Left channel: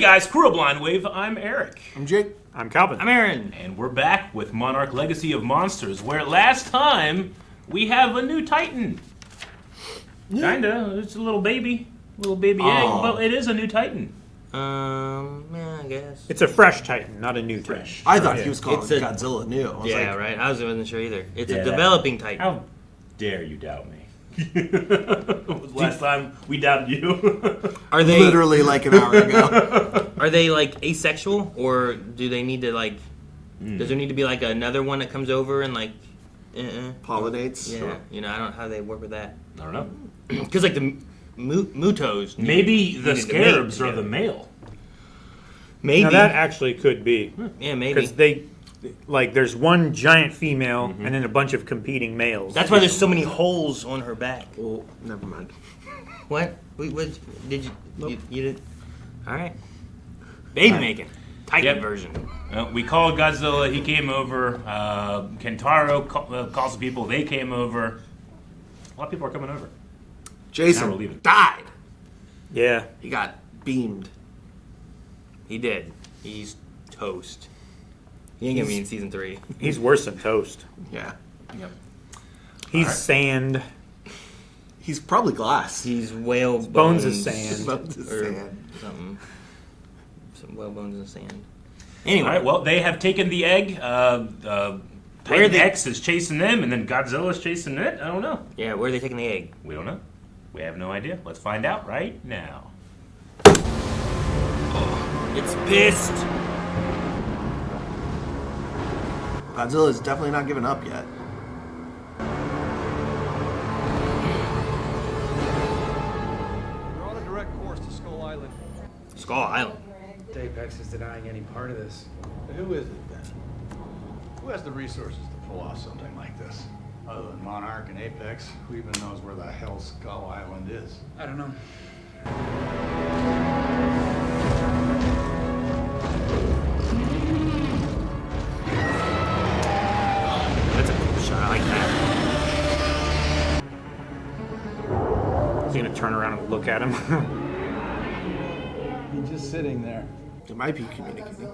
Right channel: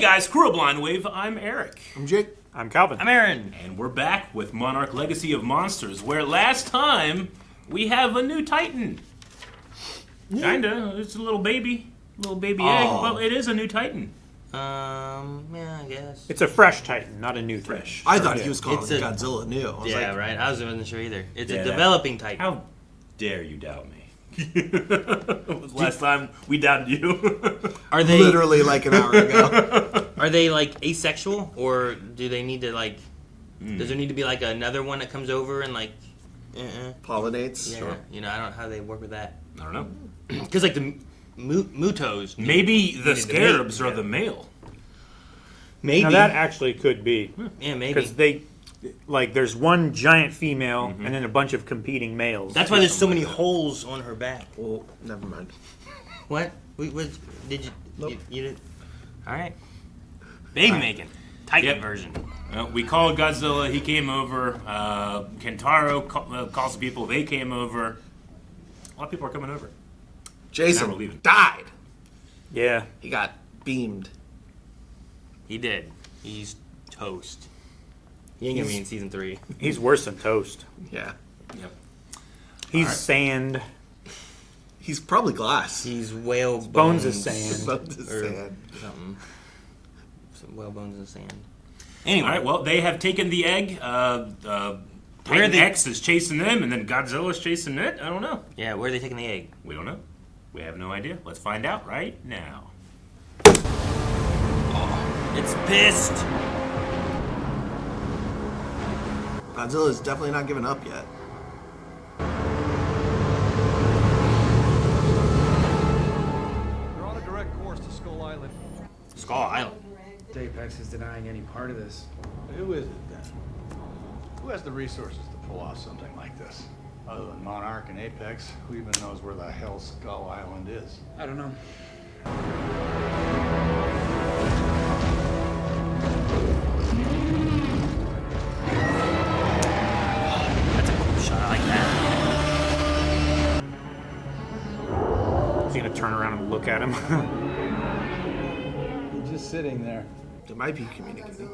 guys, Crew of Blind Wave, I'm Eric. I'm Jake. I'm Calvin. I'm Aaron. And we're back with Monarch Legacy of Monsters, where last time we have a new Titan. Kinda, it's a little baby egg. Well, it is a new Titan. Yeah, I guess. It's a fresh Titan, not a new Fresh. I thought he was calling It's a- Godzilla new. I was Yeah, like, right. I wasn't sure either. It's Yeah. a developing Titan. How dare you doubt me? Last time we doubted you. Are they literally like an hour ago. Are they like asexual, or do they need to like? Does there need to be like another one that comes over and like? Pollinates. Yeah, Sure. you know, I don't know how they work with that. I don't know. Because like the Mutos. Maybe the needed to scarabs mate, are yeah. the male. Maybe. Now that actually could be. Yeah, maybe. Because they, like, there's one giant female and then a bunch of competing males. That's why there's so many holes on her back. Oh, never mind. What? What did you? Nope. You did. All right. Baby making Titan Yep. version. We called Godzilla. He came over. Kentaro calls the people. They came over. A lot of people are coming over. Now we're Jason leaving. died. Yeah. He got beamed. He did. He's toast. He ain't gonna be in season 3. He's worse than toast. Yeah. Yep. He's sand. He's probably glass. He's whale Bones is sand. Bones is or sand. something. Some whale bones in the sand. All Anyway, right. Well, they have taken the egg. Where Titan they- X is chasing them, and then Godzilla's chasing it. I don't know. yeah, where are they taking the egg? We don't know. We have no idea. Let's find out right now. It's pissed. Godzilla's definitely not giving up yet. You're on a direct course to Skull Island. Skull Island. Apex is denying any part of this. Who is it then? Who has the resources to pull off something like this? Other than Monarch and Apex, who even knows where the hell Skull Island is? I don't know. Shot like that. He's going to turn around and look at him. He's just sitting there. They might be communicating.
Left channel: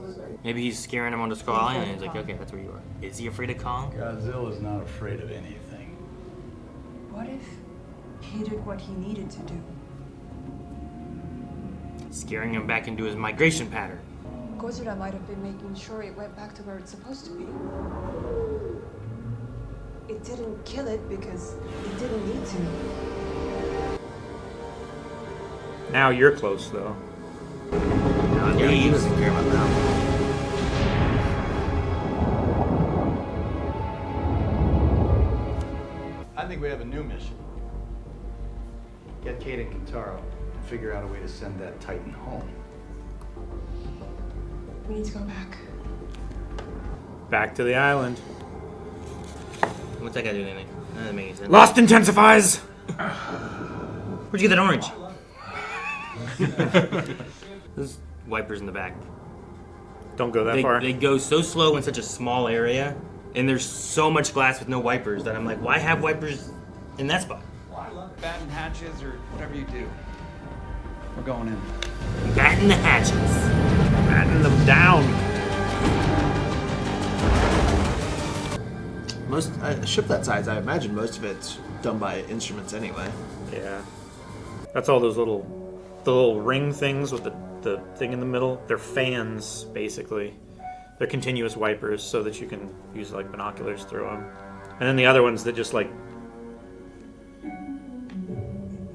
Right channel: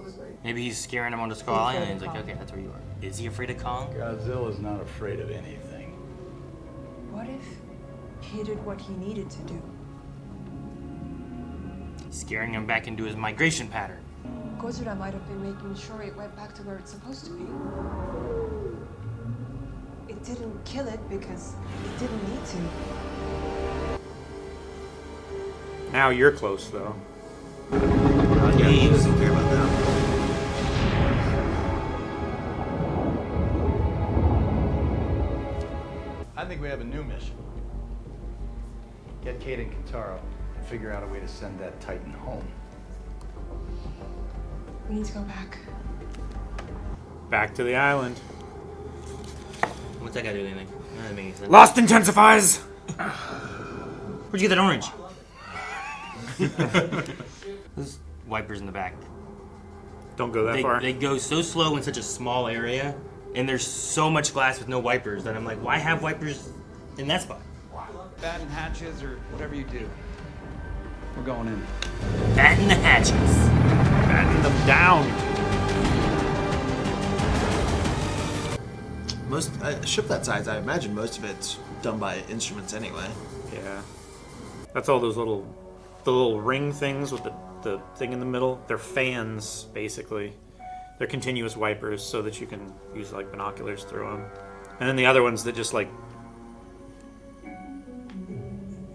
Maybe he's scaring him onto Skull Island. And he's like, okay, that's where you are. Is he afraid of Kong? Godzilla's not afraid of anything. What if he did what he needed to do? Scaring him back into his migration pattern. Godzilla might have been making sure it went back to where it's supposed to be. It didn't kill it because it didn't need to. Now you're close, though. Yeah, he doesn't care about that. I think we have a new mission. Get Kate and Kentaro and figure out a way to send that Titan home. We need to go back. Back to the island. What's that guy doing? Anything? That doesn't make any sense. Lost intensifies! Where'd you get that orange? Those wipers in the back. Don't go that They, far. they go so slow in such a small area, and there's so much glass with no wipers that I'm like, why have wipers in that spot? Batten hatches or whatever you do. We're going in. Batten the hatches. Batten them down. Most a ship that size, I imagine most of it's done by instruments anyway. Yeah. That's all those the little ring things with the thing in the middle. They're fans, basically. They're continuous wipers so that you can use like binoculars through them. And then the other ones that just like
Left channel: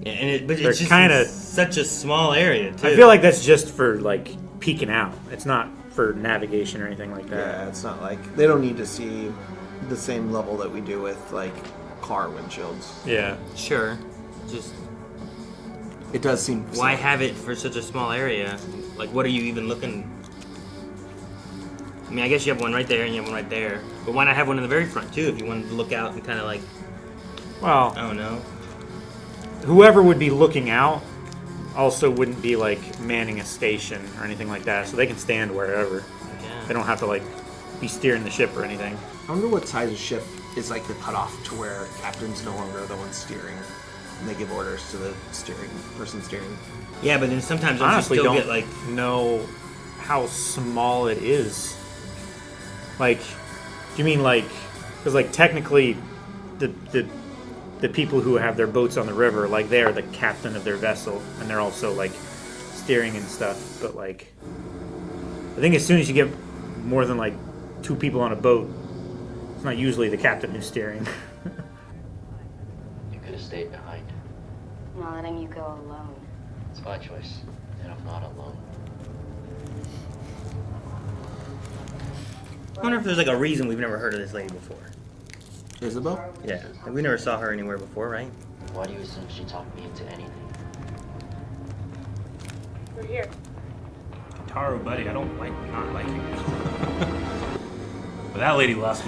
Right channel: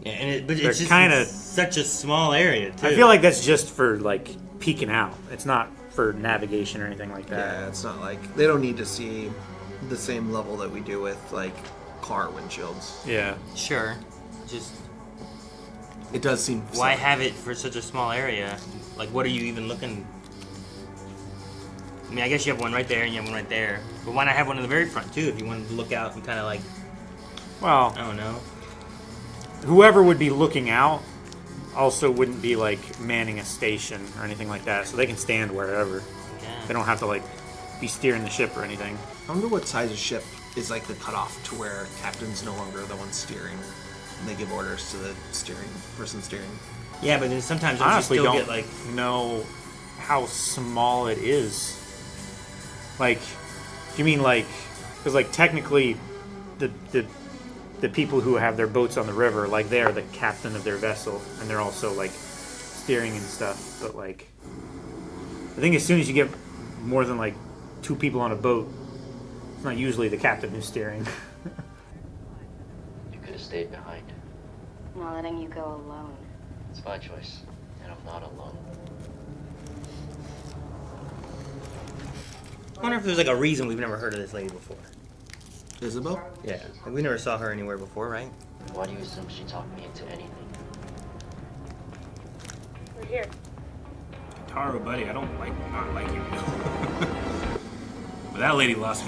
But They're it's just kinda- such a small area, too. I feel like that's just for like peeking out. It's not for navigation or anything like that. Yeah, it's not like they don't need to see the same level that we do with like car windshields. Yeah. Sure. Just It does seem why silly. have it for such a small area? Like, what are you even looking? I mean, I guess you have one right there and you have one right there. But why not have one in the very front, too, if you wanted to look out and kind of like, Well, oh no. whoever would be looking out also wouldn't be like manning a station or anything like that, so they can stand wherever. Yeah. They don't have to like be steering the ship or anything. I wonder what size of ship is like the cutoff to where captain's no longer the one steering and they give orders to the person steering. Yeah, but then sometimes don't honestly you still don't get like know how small it is. Like, do you mean like, because like technically, the people who have their boats on the river, like they're the captain of their vessel, and they're also like steering and stuff. But like, I think as soon as you get more than like 2 people on a boat, it's not usually the captain who's steering. You could have stayed behind. I'm not letting you go alone. It's my choice, and I'm not alone. I wonder if there's like a reason we've never heard of this lady before. Isabel? Yeah, we never saw her anywhere before, right? Why do you assume she talked me into anything? We're here. Taro, buddy, I don't not like you. But that lady lost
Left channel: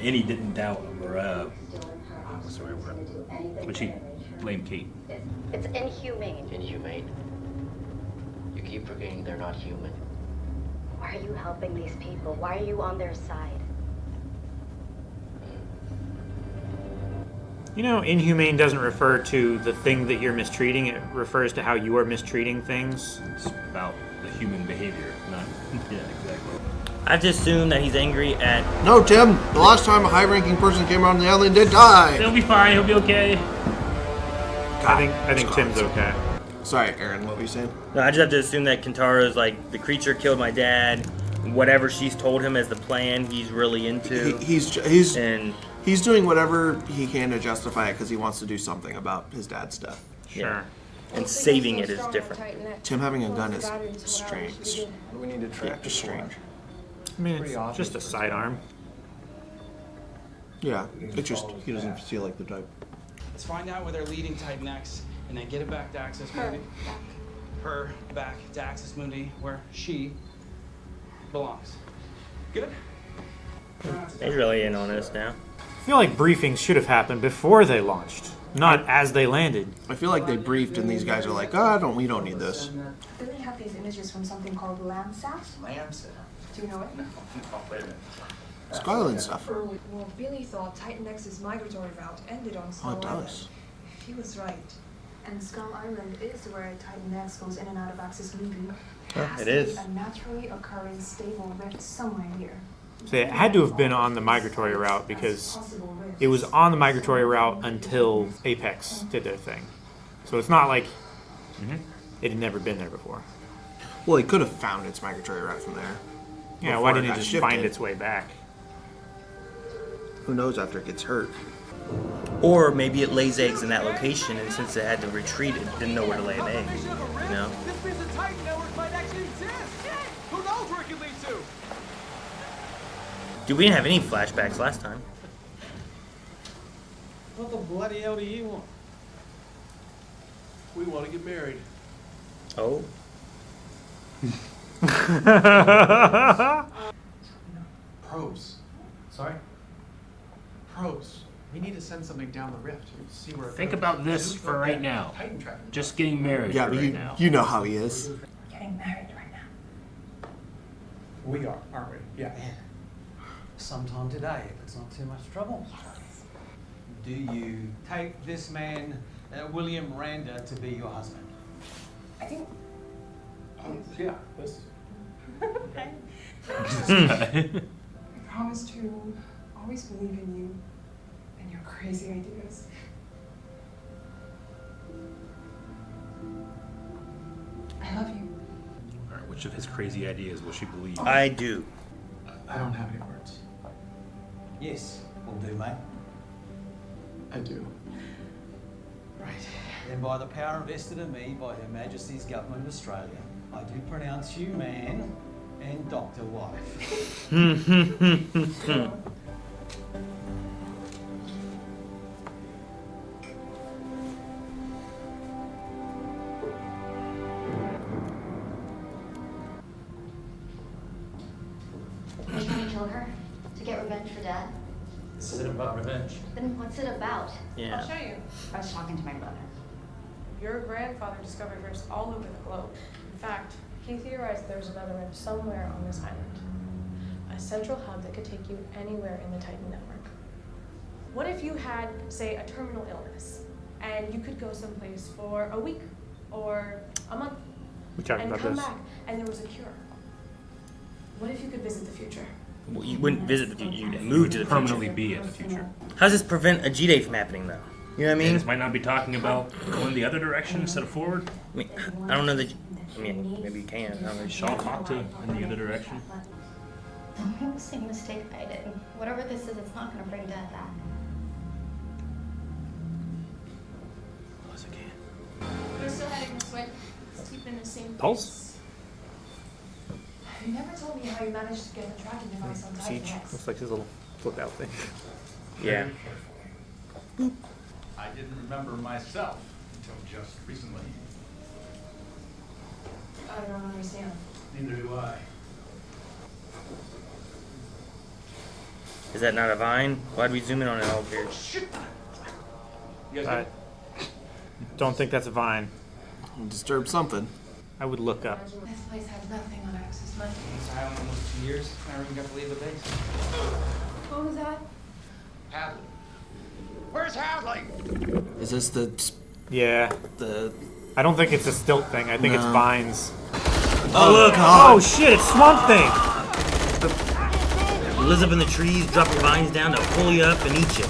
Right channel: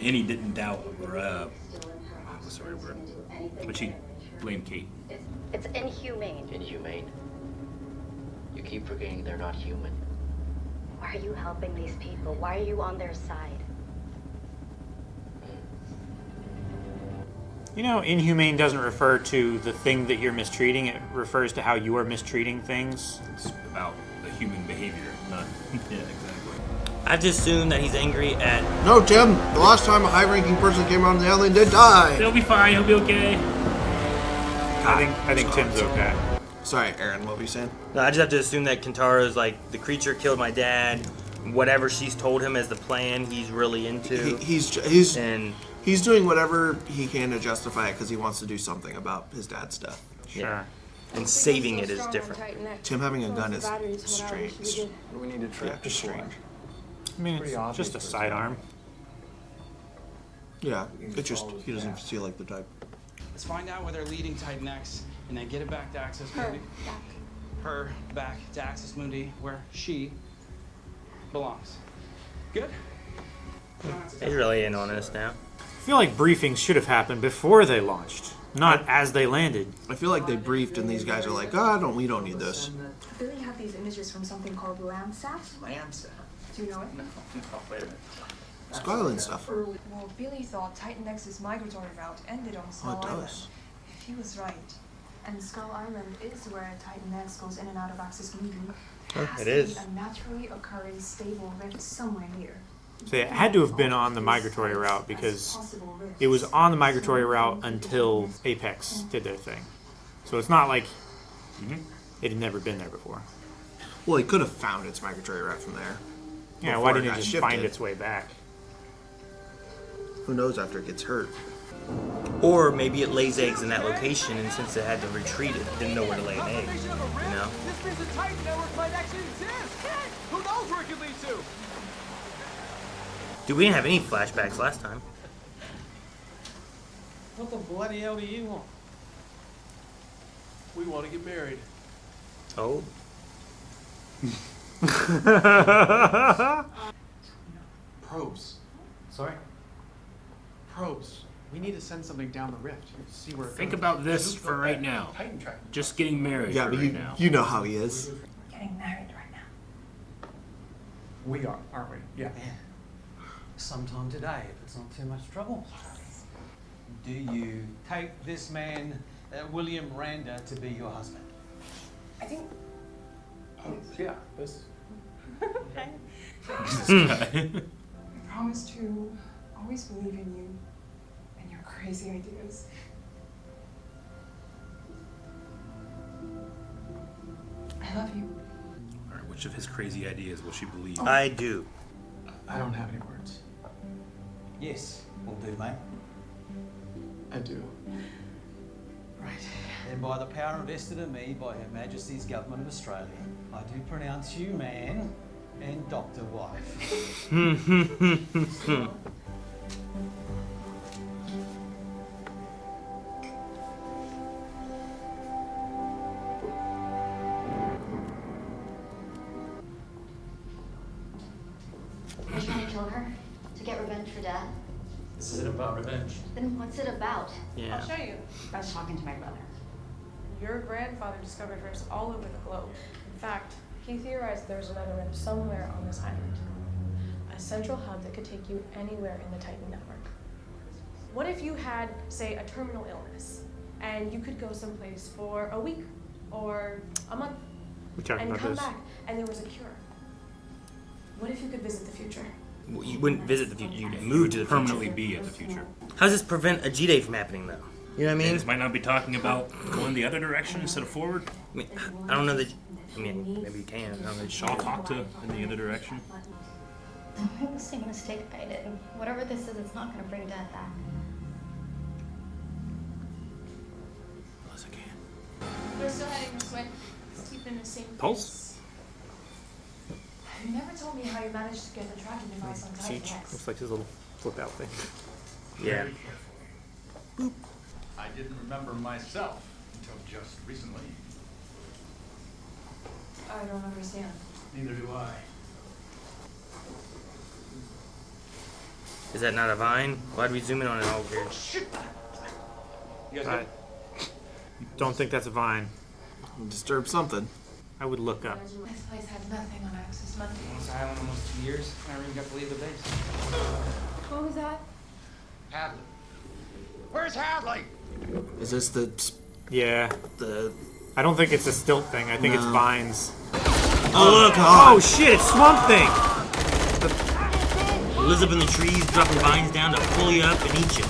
any doubt, or what's the right word? But she blamed Kate. It's inhumane. Inhumane? You keep forgetting they're not human. Why are you helping these people? Why are you on their side? You know, inhumane doesn't refer to the thing that you're mistreating. It refers to how you are mistreating things. It's about the human behavior, not... Yeah, exactly. I just assume that he's angry at... No, Tim. The last time a high-ranking person came around the island did die. He'll be fine, he'll be okay. I think Tim's okay. Sorry, Aaron. What were you saying? No, I just have to assume that Kintaro's like, the creature killed my dad. Whatever she's told him as the plan, he's really into. He's doing whatever he can to justify it because he wants to do something about his dad's death. Sure. Yeah. And saving it is different. Tim having a gun is strange. What do we need to trap this for? I mean, Pretty it's obvious just a for sidearm. Yeah, it's just he doesn't feel like the type. Let's find out where they're leading Titan X, and then get it back to Access Mundi. Her back to Access Mundi, where she belongs. Good? He's really in on us now. I feel like briefings should have happened before they launched, not as they landed. I feel like they briefed and these guys are like, we don't need this. Billy had these images from something called Landsat. Landsat? Do you know it? No, wait a minute. Skyline stuff. Well, Billy thought Titan X's migratory route ended on Skull Island. does. He was right. And Skull Island is where Titan X goes in and out of Access Mundi. There has it to is. be a naturally occurring stable rift somewhere here. So it had to have been on the migratory route because it was on the migratory route until Apex did their thing. So it's not like it had never been there before. Well, he could have found its migratory route from there. Yeah, before why didn't it got just shifted. find its way back? Who knows after it gets hurt? Or maybe it lays eggs in that location, and since it had to retreat, it didn't know where to lay an egg. You know? This means the Titan network might actually exist. Who knows where it could lead to? Dude, we didn't have any flashbacks last time. What the bloody hell do you want? We want to get married. Oh. Probes. Sorry? Probes. We need to send something down the rift. See where it Think goes. about this for right now. Titan tracking. Just getting married Yeah, but right now. you know how he is. We're getting married right now. We are, aren't we? Yeah. Sometime today, if it's not too much trouble. Do you take this man, William Randa, to be your husband? I think Yeah, this. I promise to always believe in you and your crazy ideas. I love you. All right, which of his crazy ideas will she believe? I do. I don't have any words. Yes, will do, mate. I do. Right. Then by the power invested in me by Her Majesty's Government of Australia, I do pronounce you man and Dr. Wife. Are you trying to kill her? To get revenge for Dad? This isn't about revenge. Then what's it about? Yeah. I'll show you. I was talking to my brother. Your grandfather discovered rifts all over the globe. In fact, he theorized there's another rift somewhere on this island. A central hub that could take you anywhere in the Titan network. What if you had, say, a terminal illness, and you could go someplace for a week or a month, We're talking and about come this. back and there was a cure. What if you could visit the future? Well, you wouldn't visit the future. You'd move to the Permanently future. be in the future. How does this prevent a G-Day from happening, though? You know what I mean? This might not be talking about going the other direction instead of forward. I mean, I don't know that. I mean, maybe you can. I don't know. Shaw talk to in the other direction. Don't make the same mistake I did. Whatever this is, it's not going to bring Dad back. Unless I can. We're still heading this way. Let's keep in the same Pulse? You never told me how you managed to get the tracking device on Titan Siege. X. Looks like his little flip out thing. Yeah. I didn't remember myself until just recently. I don't understand. Neither do I. Is that not a vine? Why'd we zoom in on it all here? Shit! You guys Alright. Don't think that's a vine. Disturb something. I would look up. This place had nothing on Access Monday. This island almost 2 years. Never even got to leave the base. What was that? Hadley. Where's Hadley? Is this the Yeah. the? I don't think it's a stilt thing. I think it's No. vines. Oh, look! Oh shit! It's Swamp Thing. He lives up in the trees, drop the vines down to pull you up and eat you.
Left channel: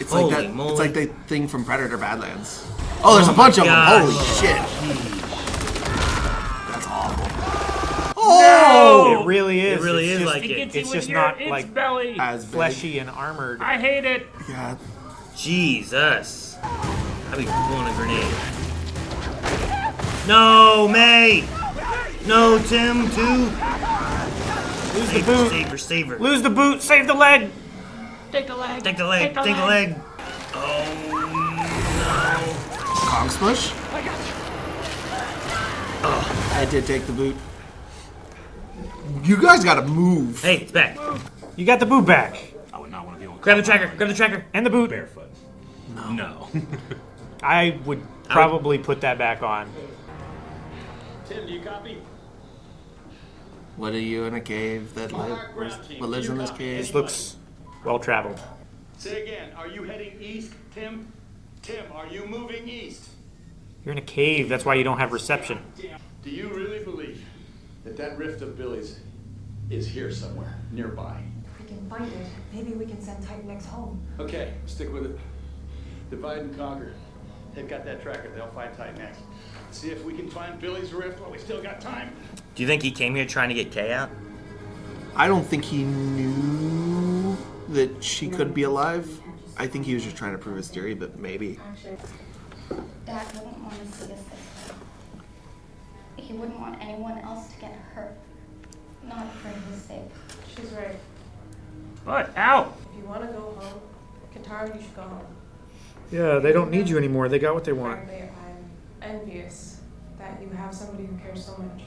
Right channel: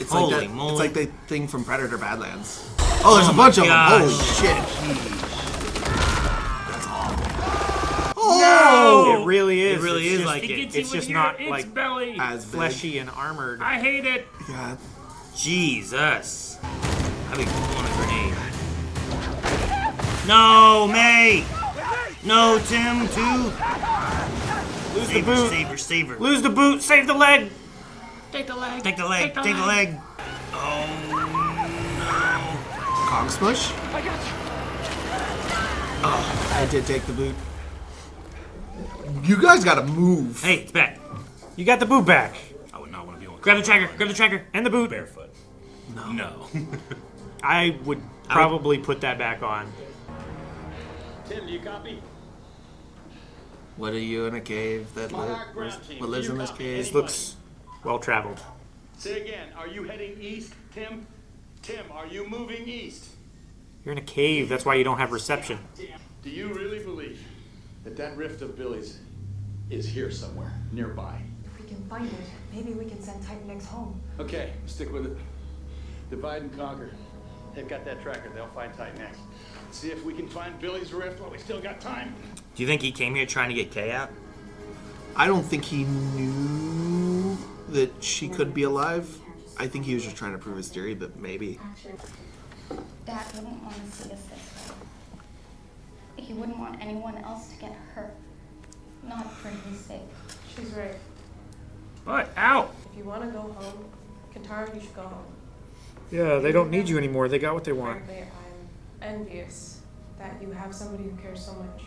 It's Holy like that. moly. It's like the thing from Predator Badlands. Oh, there's a bunch of them. gosh. Holy shit! That's awful. Oh! It really is. It really It's is just, like it. It's just not like belly. As big. fleshy and armored. I hate it. God. Jesus. I'd be cool on a grenade. No, May! No, Tim, too. Lose the boot. Save her, save her. Lose the boot. Save the leg. Take the leg. Take the leg, take the leg. Oh, Kong smush. I got you. I did take the boot. You guys gotta move. hey, it's back. You got the boot back. I would not want to be on. Grab the tracker, grab the tracker. And the boot. Barefoot. No. No. I would probably put that back on. Tim, do you copy? What are you in a cave that Monarch ground team. what lives Do in you this copy? cave? This looks well traveled. Say again. Are you heading east, Tim? Tim, are you moving east? You're in a cave. That's why you don't have reception. Do you really believe that that rift of Billy's is here somewhere nearby? If we can find it, maybe we can send Titan X home. Okay, stick with it. Divide and conquer. They've got that tracker. They'll find Titan X. See if we can find Billy's rift while we still got time. Do you think he came here trying to get Kay out? I don't think he knew that she could be alive. I think he was just trying to prove his theory, but maybe. Dad wouldn't want to see us this way. He wouldn't want anyone else to get hurt. Not for his sake. She's right. What? Ow! If you want to go home, Kentaro, you should go home. Yeah, they don't need you anymore. They got what they want. Frankly, I'm envious that you have somebody who cares so much.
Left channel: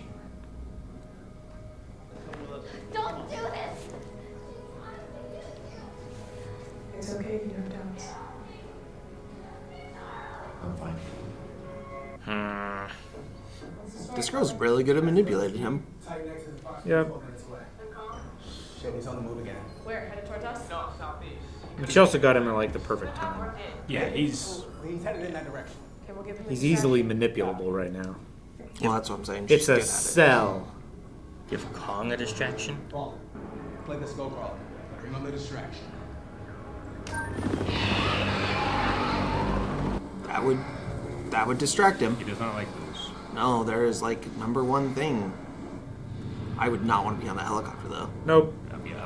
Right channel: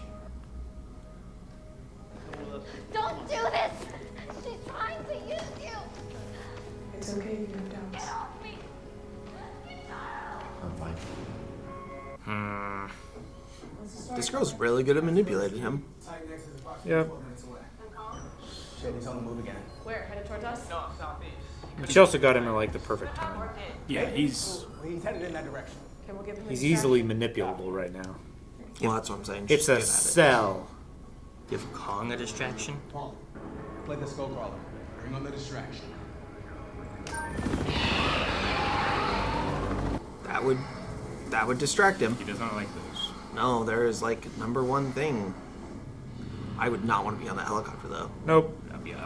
Don't do this! She's trying to use you! It's okay if you have doubts. I'm fine. This girl's really good at manipulating him. Yeah. Shit, he's on the move again. Where? Headed towards us? No, southeast. But she also got him at like the perfect time. Yeah, he's. He's headed in that direction. Okay, we'll give him a He's easily distraction. manipulable right now. Well, that's what I'm saying. It's She's a good at it. cell. Give Kong a distraction? Paul, play the skull crawler. Bring on the distraction. That would distract him. He does not like those. No, there is like #1 thing. I would not want to be on that helicopter though. Nope.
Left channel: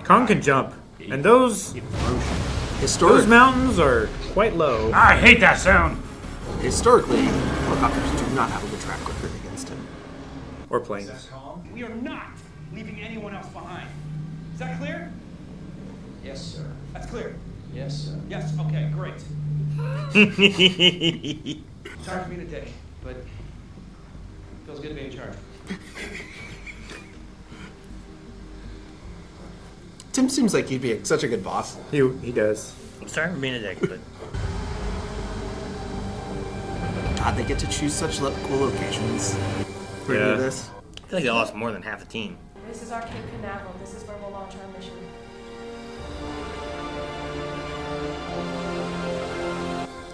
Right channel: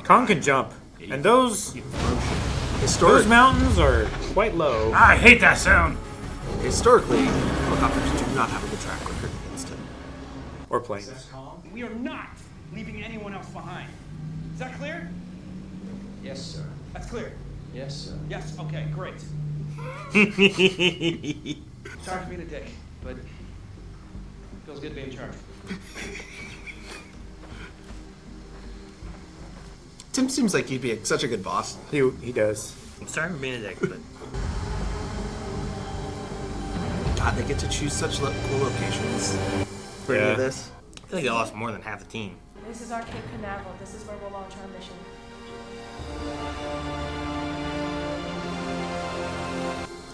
Kong can jump. And those Historic, mountains are quite low. I hate that sound. historically, helicopters do not have a good track record against him. Or planes. We are not leaving anyone else behind. Is that clear? Yes, sir. That's clear. Yes, sir. Yes, okay, great. Sorry for being a dick, but feels good to be in charge. Tim seems like he'd be such a good boss. He does. I'm sorry for being a dick, but God, they get to choose such cool locations for Yeah. this. I feel like they lost more than half the team. This is our Cape Canaveral. This is where we'll launch our mission.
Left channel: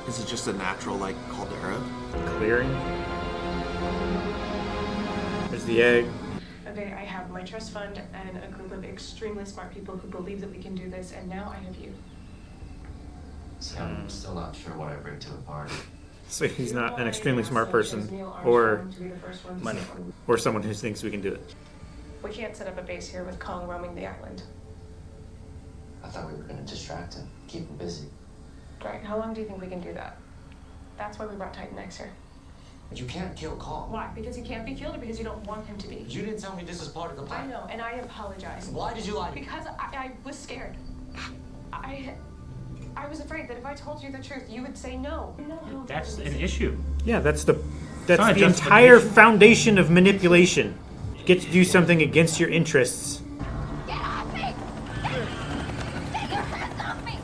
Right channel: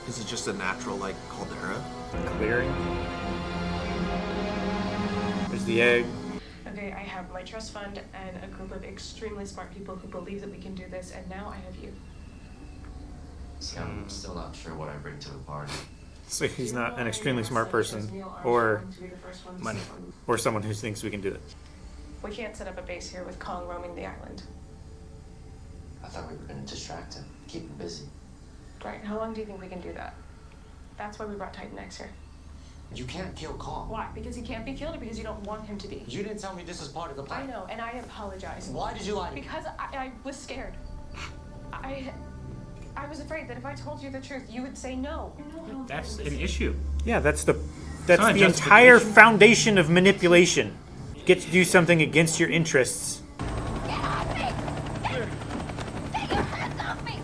Is it just a natural like caldera? Clearing. the egg. Okay, I have my trust fund and a group of extremely smart people who believe that we can do this, and now I have you. See, I'm still not sure what I bring to the party. So he's not an extremely smart person, or Money. or someone who thinks we can do it. We can't set up a base here with Kong roaming the island. I thought we were going to distract him, keep him busy. Right, how long do you think we can do that? That's why we brought Titan X here. You can't kill Kong. Why? Because he can't be killed, or because you don't want him to be? You didn't tell me this is part of the I plan. know, and I apologize. Why did you lie to me? Because I was scared. I was afraid that if I told you the truth, you would say no. That's an issue. Yeah, that's the not entire justification. foundation of manipulation. Get to do something against your interests. Get off me! Get your hands off me!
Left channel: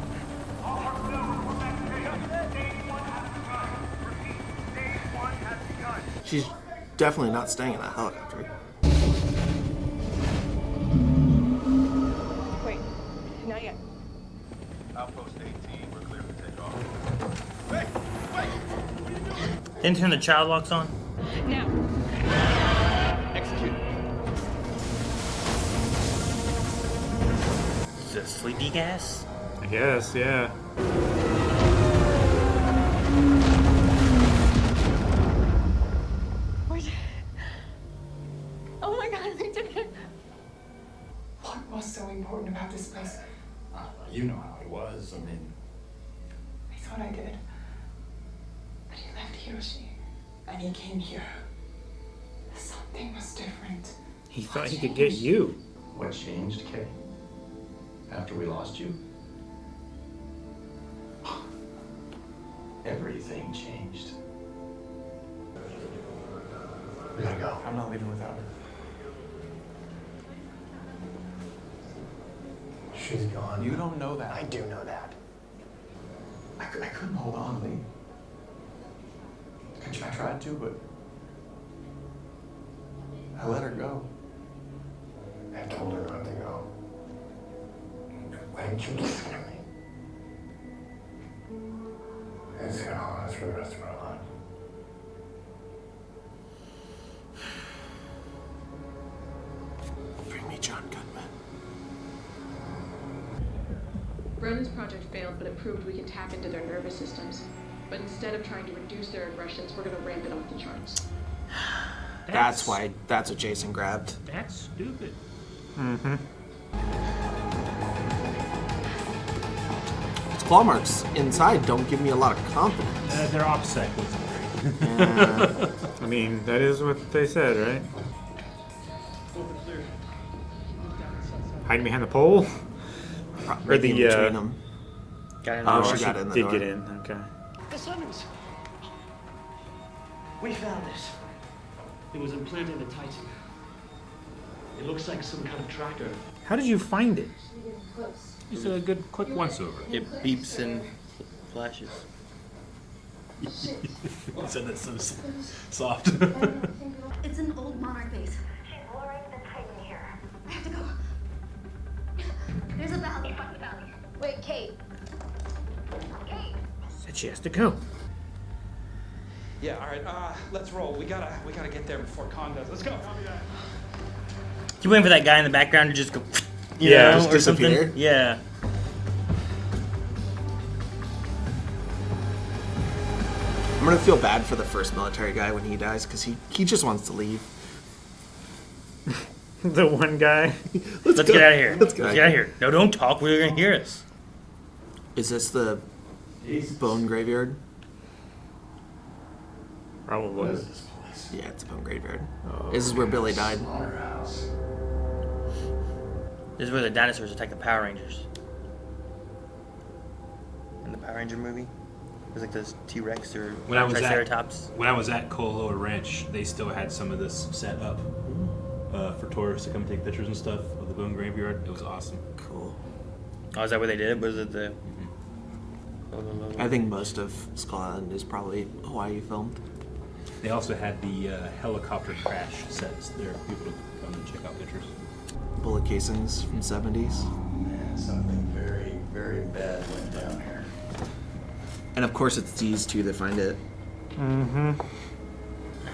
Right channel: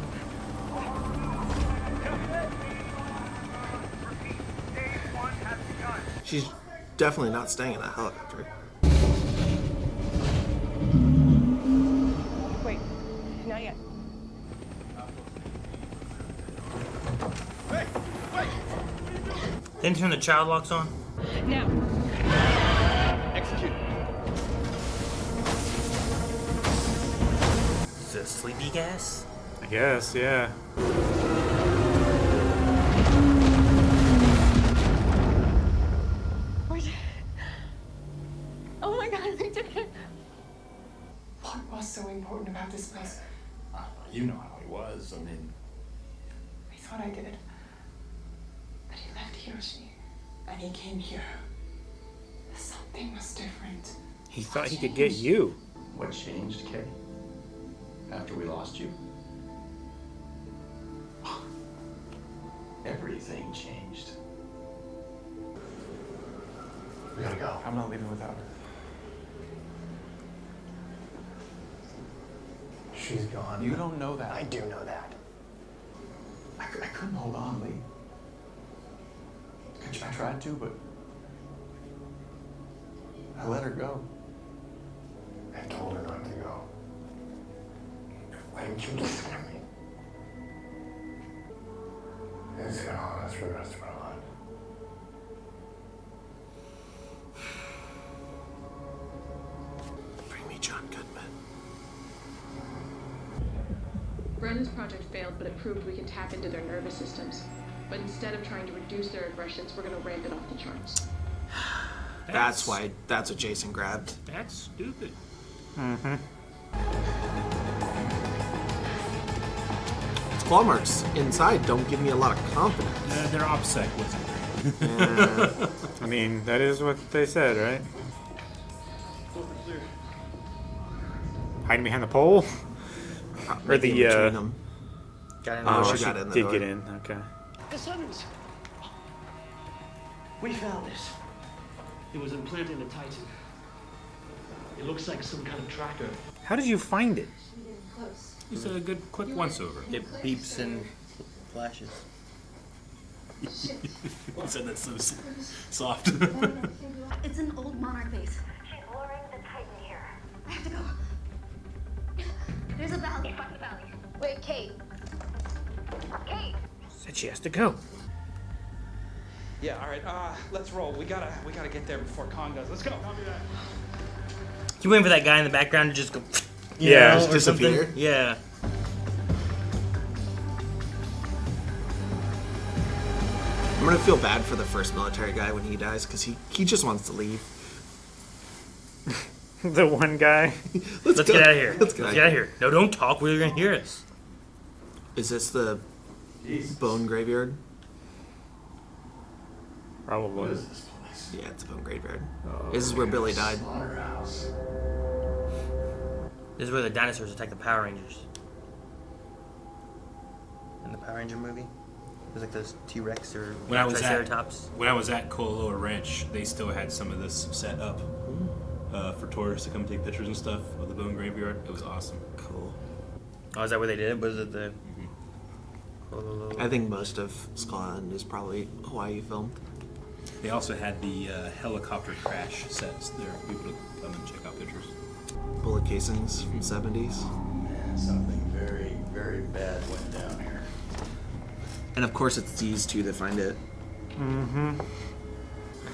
She's definitely not staying in a helicopter. Wait, not yet. Outpost 18, we're clear to take off. Wait! What are you doing? Didn't turn the child locks on? Now. Execute. Is it sleepy gas? I guess, yeah. Oh my god, we did it! What was so important about this place? You know how he was. I mean, I thought I did. But he left Hiroshi, and he came here. Something was different. He thought he could get you. What changed, Kay? After we lost you? Everything changed. We gotta go. I'm not leaving without her. She's gone. You don't know that. I do know that. I couldn't hold on, Lee. I tried to, but I let her go. I told her not to go. Why didn't you listen to me? It's gonna haunt us for the rest of our lives. Bring me John Goodman. Brennan's project failed, but it proved we can tap into their nervous systems. But instead of trying to reduce their aggressions, we're gonna ramp it off the charts. That's what Jason grabbed. That's stupid. Mm-hmm. Its claw marks inside don't give me a lot of confidence. They're opposite. Yeah. I mean, that is what they said, right? Hiding behind the pole? Maybe in between them. She got in the door. Did get in, okay. The summons! We found this. It was implanted in the Titan. It looks like some kind of tracker. How did you find it? It's a good quick once-over. It beeps and flashes. You said that so soft. It's an old Monarch base. She's luring the Titan here. I have to go. There's a valley. Find the valley. Wait, Kate. Kate. Said she has to go. Yeah, all right. Let's roll. We gotta get there before Kong does. Let's go. Copy that. You waiting for that guy in the background to just go, you Yeah, know, just or disappear? something? Yeah. I'm gonna feel bad for the first military guy when he dies because he just wants to leave. The one guy. Let's get out of here. Let's get out of here. No, don't talk. We're gonna hear us. Is this the bone graveyard? Probably. What is this place? Yeah, it's a bone graveyard. This is where Billy died. Slaughterhouse. This is where the dinosaurs attack the Power Rangers. In the Power Ranger movie, it was like those T-Rex or Triceratops. When I was at Koaloa Ranch, they still had some of this set up for tourists to come take pictures and stuff of the bone graveyard. It was awesome. Cool. Oh, is that where they did it? Was it the? I think most of Skull Island is probably Hawaii filmed. They also had the helicopter crash sets there. People would come and check out pictures. Bullet casings from 70s. Man, something very, very bad went down here. And of course it's these two that find it. Mm-hmm.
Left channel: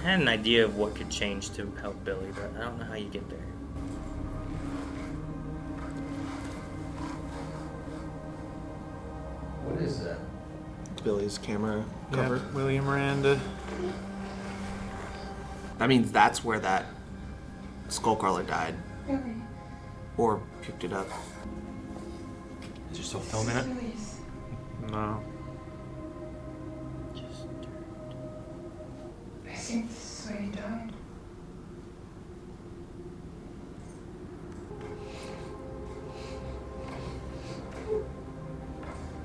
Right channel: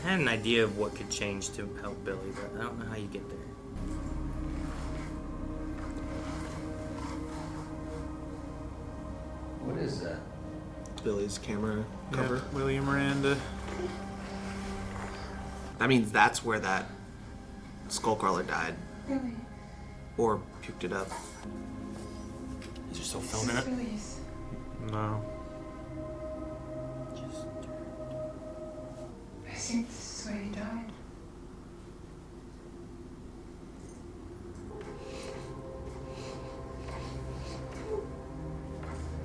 I had an idea of what could change to help Billy, but I don't know how you get there. What is that? It's Billy's camera cover. Yeah, William Miranda. That means that's where that skullcrawler died. Really? Or picked it up. Is there still film in it? Billy's. No. I think this is where he died.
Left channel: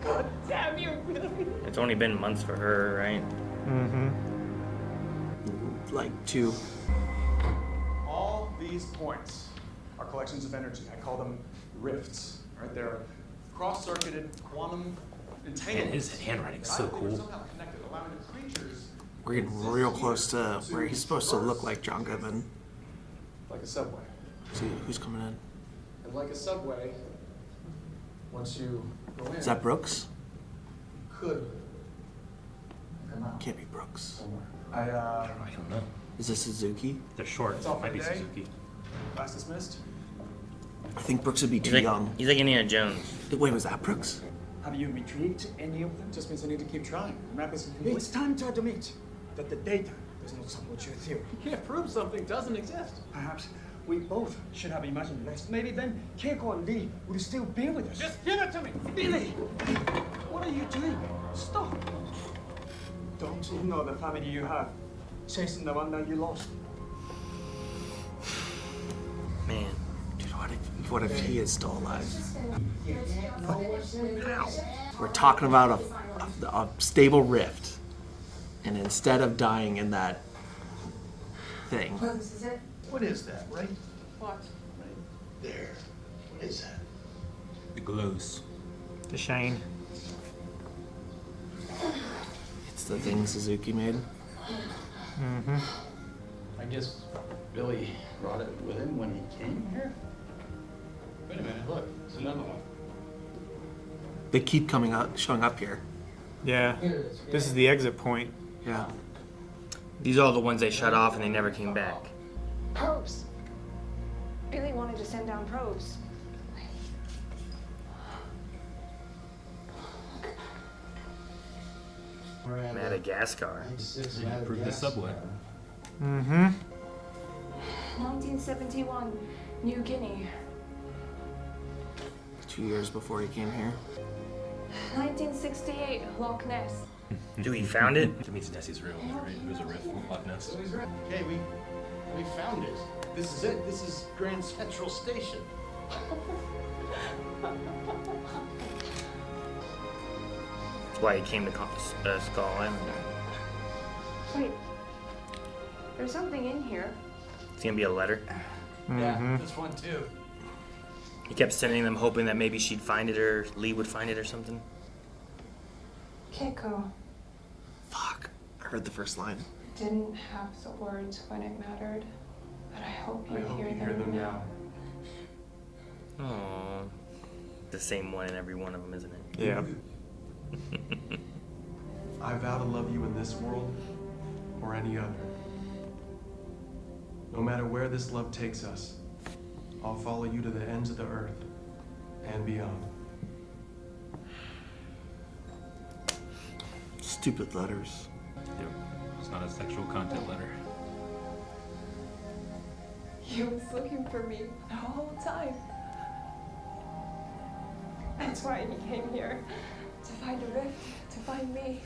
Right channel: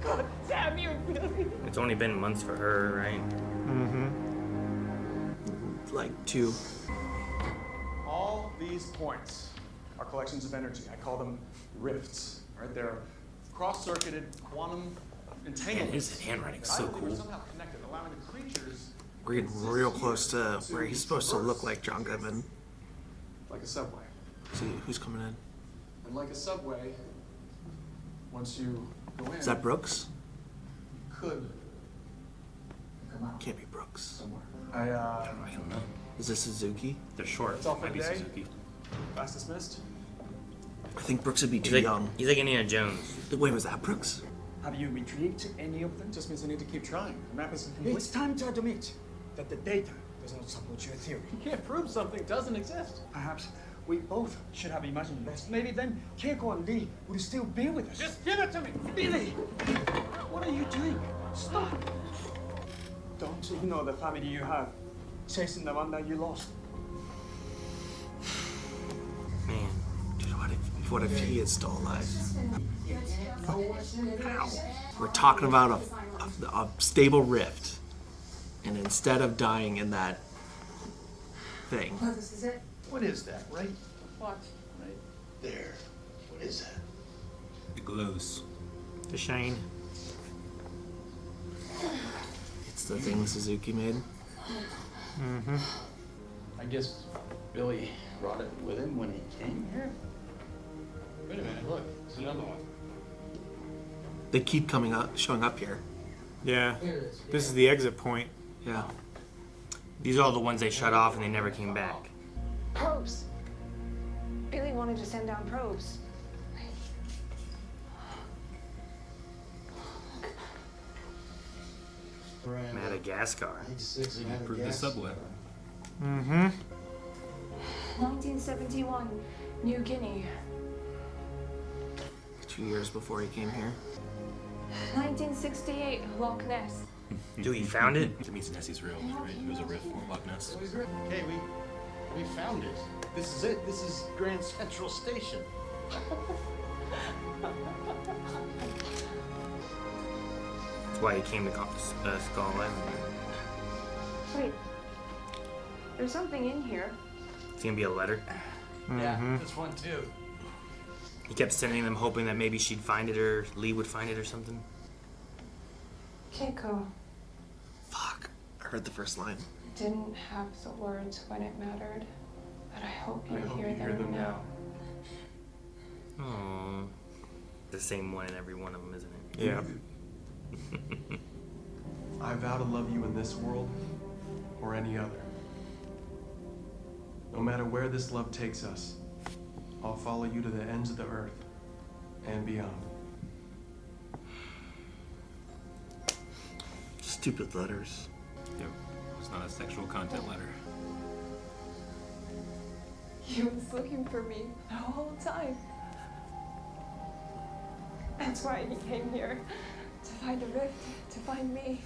God damn you, Billy! It's only been months for her, right? Mm-hmm. Like 2. All these points are collections of energy. I call them rifts. Right? They're cross-circuited quantum entanglements. His handwriting's that I so believe are cool. somehow connected, allowing the creatures We're getting real close to where he's supposed to look like John Goodman. like a subway. See who's coming in. And like a subway, once you go in, Is that Brooks? could. Can't be Brooks. I I don't know. Is this Suzuki? They're short. That's all for Might be today. Suzuki. Class dismissed. I think Brooks would be He's too like, young. he's like Indiana Jones. Wait, was that Brooks? Have you retrieved any of them? Just means I need to keep trying. The map isn't complete. It's time to admit that the data does not support your theory. You can't prove something doesn't exist. Perhaps we both should have imagined less. Maybe then Keiko and Lee would still be with us. Just give it to me! Billy! What are you doing? Stop! Don't ignore the family you have, chasing the one that you lost. Man. Dude, what if he is still alive? We're talking about a stable rift. And instead of dying in that thing. Well, this is it. What is that? Right What? there. What is that? The glows. The Shane. It's the thing Suzuki made. Mm-hmm. I guess Billy brought it with him when he came here. Wait a minute, look, it's another one. They keep showing up here. Yeah. This is the exit point. Yeah. These are all the ones they shut off and they never came back. Probes. Billy wanted to send down probes. Madagascar. Improve the subway. Mm-hmm. 1971, New Guinea. 2 years before he came here. 1968, Loch Ness. Dude, he found it? It means Nessie's real. There's a rift with Loch Ness. Okay, we found it. This is it. This is Grand Central Station. That's why he came to Skull Island. Wait. There's something in here. It's gonna be a letter. Yeah, this one too. He kept sending them hoping that maybe she'd find it or Lee would find it or something. Keiko Fuck. I heard the first line. didn't have the words when it mattered, but I hope you hear them now. Aww. The same one in every one of them, isn't it? Yeah. I vow to love you in this world or any other. No matter where this love takes us, I'll follow you to the ends of the earth and beyond. Stupid letters. Dude, it's not a sexual content letter. He was looking for me the whole time. That's why he came here. To find a rift, to find me.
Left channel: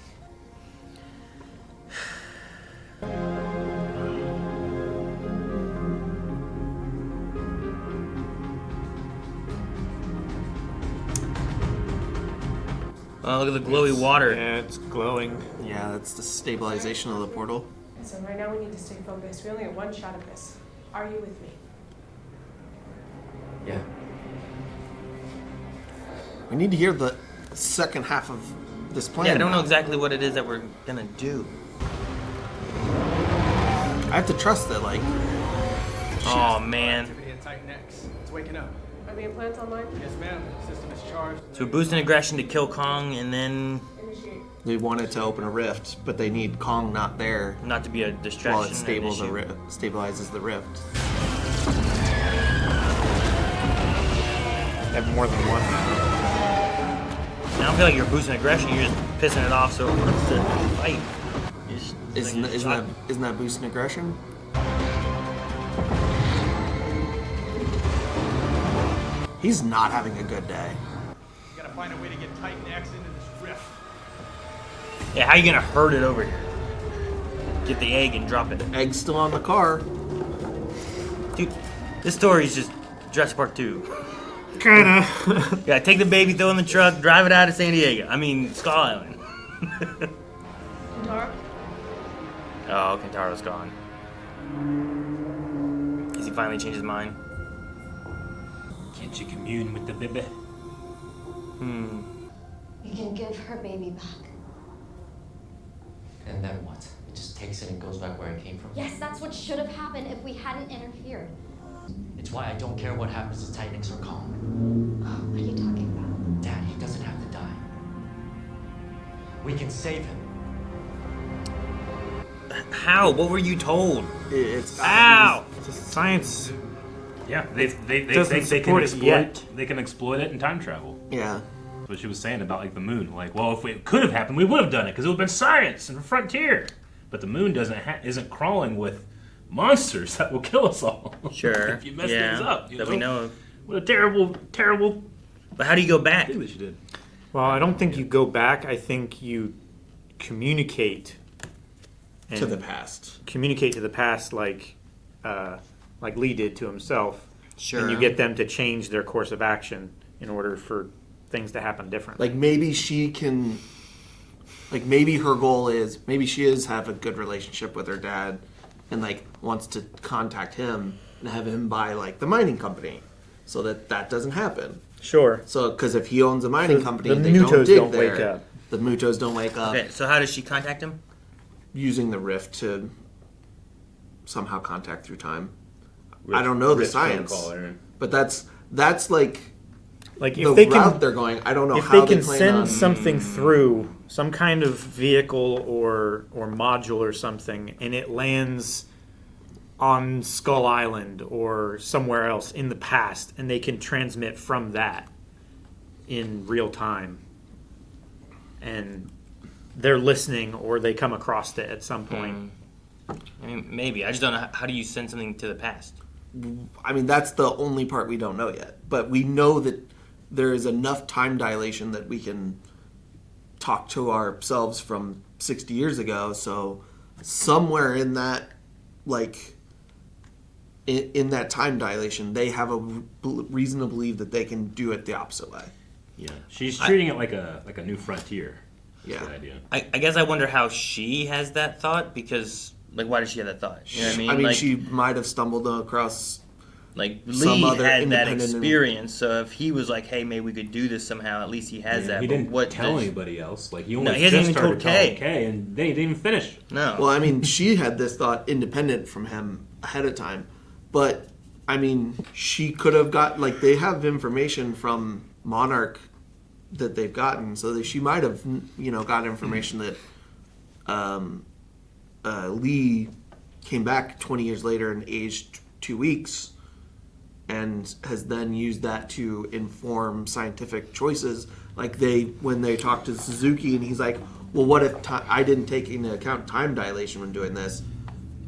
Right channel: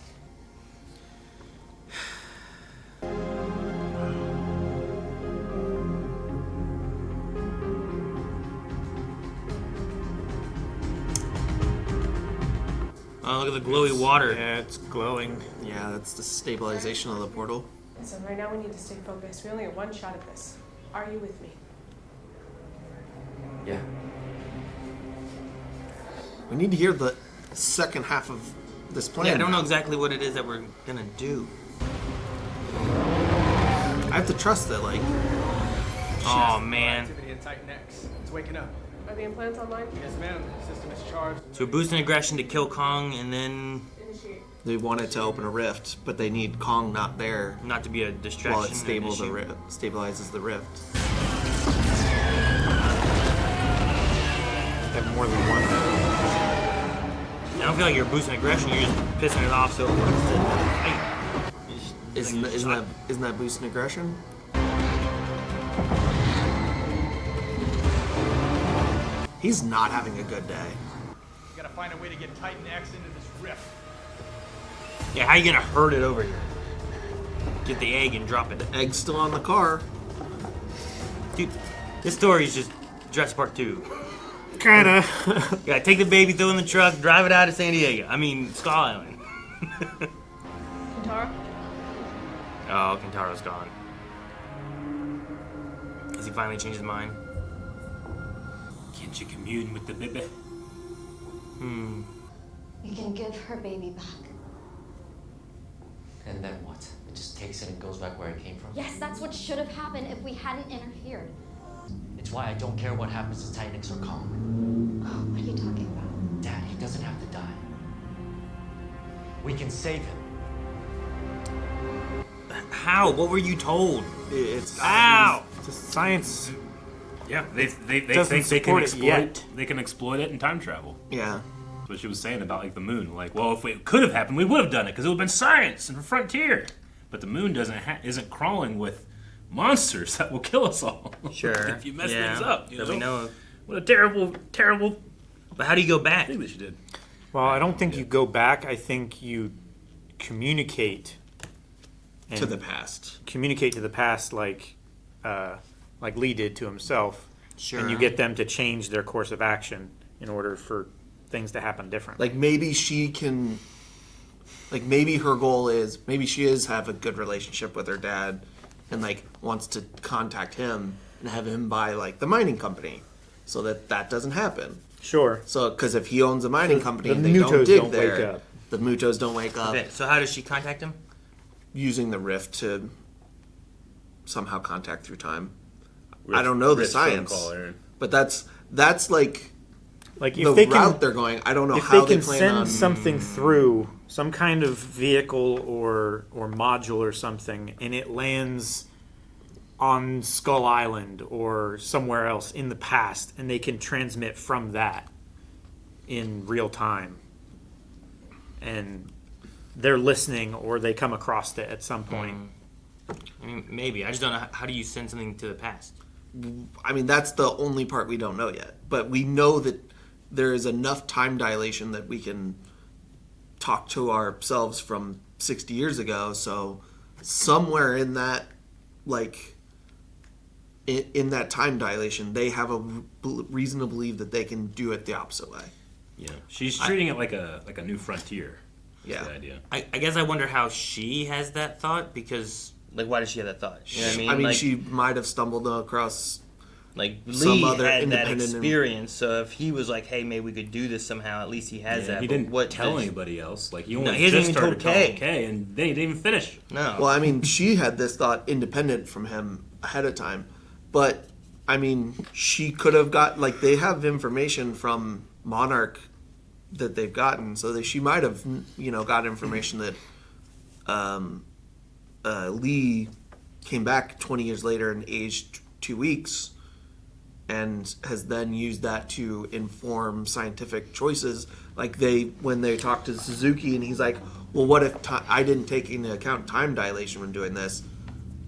Oh, look at the glowy water. Yeah, it's glowing. Yeah, that's the stabilization of the portal. Listen, right now we need to stay focused. We only have one shot at this. Are you with me? Yeah. We need to hear the second half of this plan. Yeah, I don't now. know exactly what it is that we're gonna do. I have to trust that, like. Oh man. Activity in Titan X. It's waking up. Are the implants online? Yes, ma'am. System is charged. So we're boosting aggression to kill Kong and then Initiate. They wanted to open a rift, but they need Kong not there. Not to be a distraction. While it stabilizes the rift. They have more than one now. I don't feel like you're boosting aggression. You're just pissing it off. So Isn't that boosting aggression? He's not having a good day. We gotta find a way to get Titan X into this rift. Yeah, how you gonna herd it over here? Get the egg and drop it. The egg's still on the car. Dude, this story is just Jurassic Park 2. Kinda. Yeah, take the baby, throw it in the truck, drive it out of San Diego. I mean, Skull Island. Kintaro? Oh, Kintaro's gone. Has he finally changed his mind? Can't you commune with the baby? You can give her baby back. And then what? It just takes it and goes back where it came from? Yes, that's what should have happened if we hadn't interfered. It's why I don't care what happens to Titan X or Kong. What are you talking about? Dad, he doesn't have to die. We can save him. How? What were you told? It's Ow! Science. Yeah, they think they can exploit it in time travel. Yeah. That's what she was saying about like the moon. Like, well, if it could have happened, we would have done it because it would have been science and frontier. But the moon isn't crawling with monsters that will kill us all. Sure. If you mess things up, that we know of. What a terrible. But how do you go back? I think she did. Well, I don't think you go back. I think you communicate to the past. Communicate to the past, like Lee did to himself. Sure. And you get them to change their course of action in order for things to happen differently. Like maybe she can. Like maybe her goal is she is have a good relationship with her dad, and like wants to contact him and have him buy like the mining company, so that doesn't happen. Sure. So because if he owns a mining company and they Mutos don't dig don't there, wake up. the Mutos don't wake up. Okay, so how does she contact him? Using the rift to somehow contact through time. I don't know the science, but that's like if the they route they're going. I don't know if how they they can plan send on something through some kind of vehicle or module or something, and it lands on Skull Island or somewhere else in the past, and they can transmit from that in real time, and they're listening or they come across it at some point. I mean, maybe. I just don't know. How do you send something to the past? I mean, that's the only part we don't know yet. But we know that there is enough time dilation that we can talk to ourselves from 60 years ago. So somewhere in that, like, in that time dilation, they have a reason to believe that they can do it the opposite way. Yeah, she's treating it like a new frontier. Yeah. The idea. I guess I wonder how she has that thought, because, like, why does she have that thought? You know what I mean? I mean, like, she might have stumbled across like some Lee other had that independent experience, so if he was like, hey, maybe we could do this somehow, at least he has that. He but didn't what tell does- anybody else. Like, he No, only he hasn't just even started told telling Kay. Kay, and they didn't even finish. No. Well, I mean, she had this thought independent from him ahead of time. But, I mean, she could have got, like, they have information from Monarch that they've gotten, so that she might have, got information that Lee came back 20 years later and aged 2 weeks, and has then used that to inform scientific choices. Like when they talked to Suzuki, and he's like, well, what if I didn't take into account time dilation when doing this?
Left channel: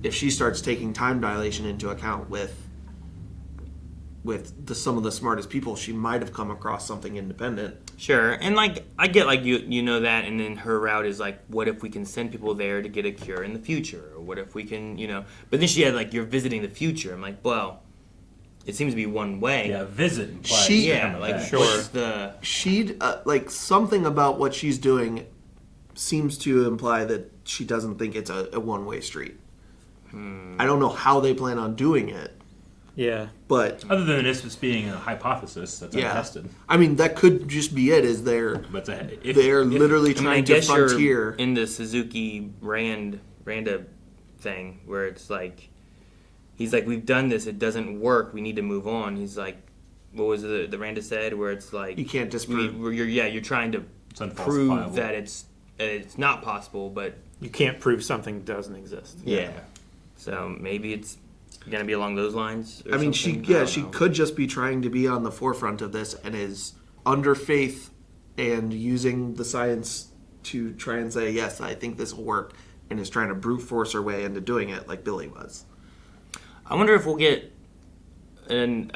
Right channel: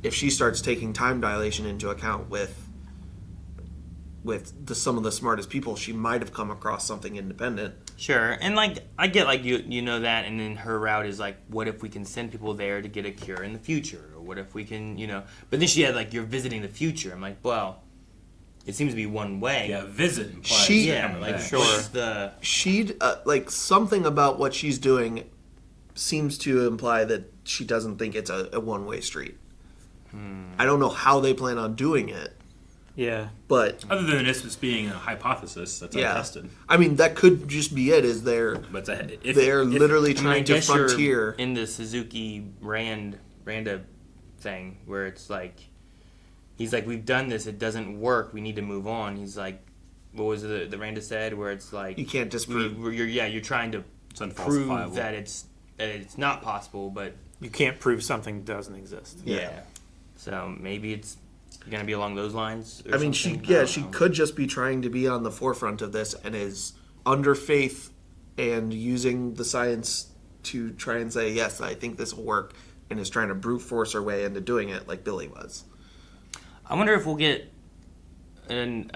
If she starts taking time dilation into account with some of the smartest people, she might have come across something independent. Sure, and like I get like you know that, and then her route is like, what if we can send people there to get a cure in the future, or what if we can, But then she had like, you're visiting the future. I'm like, well, it seems to be one way. Yeah, visit implies. What's the she'd like something about what she's doing seems to imply that she doesn't think it's a one-way street. I don't know how they plan on doing it. Yeah. But other than this being a hypothesis that's untested. I mean, that could just be it. Is they're literally trying to frontier in the Suzuki Randa thing, where it's like, he's like, we've done this, it doesn't work, we need to move on. He's like, what was the Randa said, where it's like, you can't disprove. You're trying to prove that it's not possible, but You can't prove something doesn't exist. yeah. So maybe it's gonna be along those lines. Or I mean, something. she could just be trying to be on the forefront of this and is under faith and using the science to try and say, yes, I think this will work, and is trying to brute force her way into doing it like Billy was. I wonder if we'll get an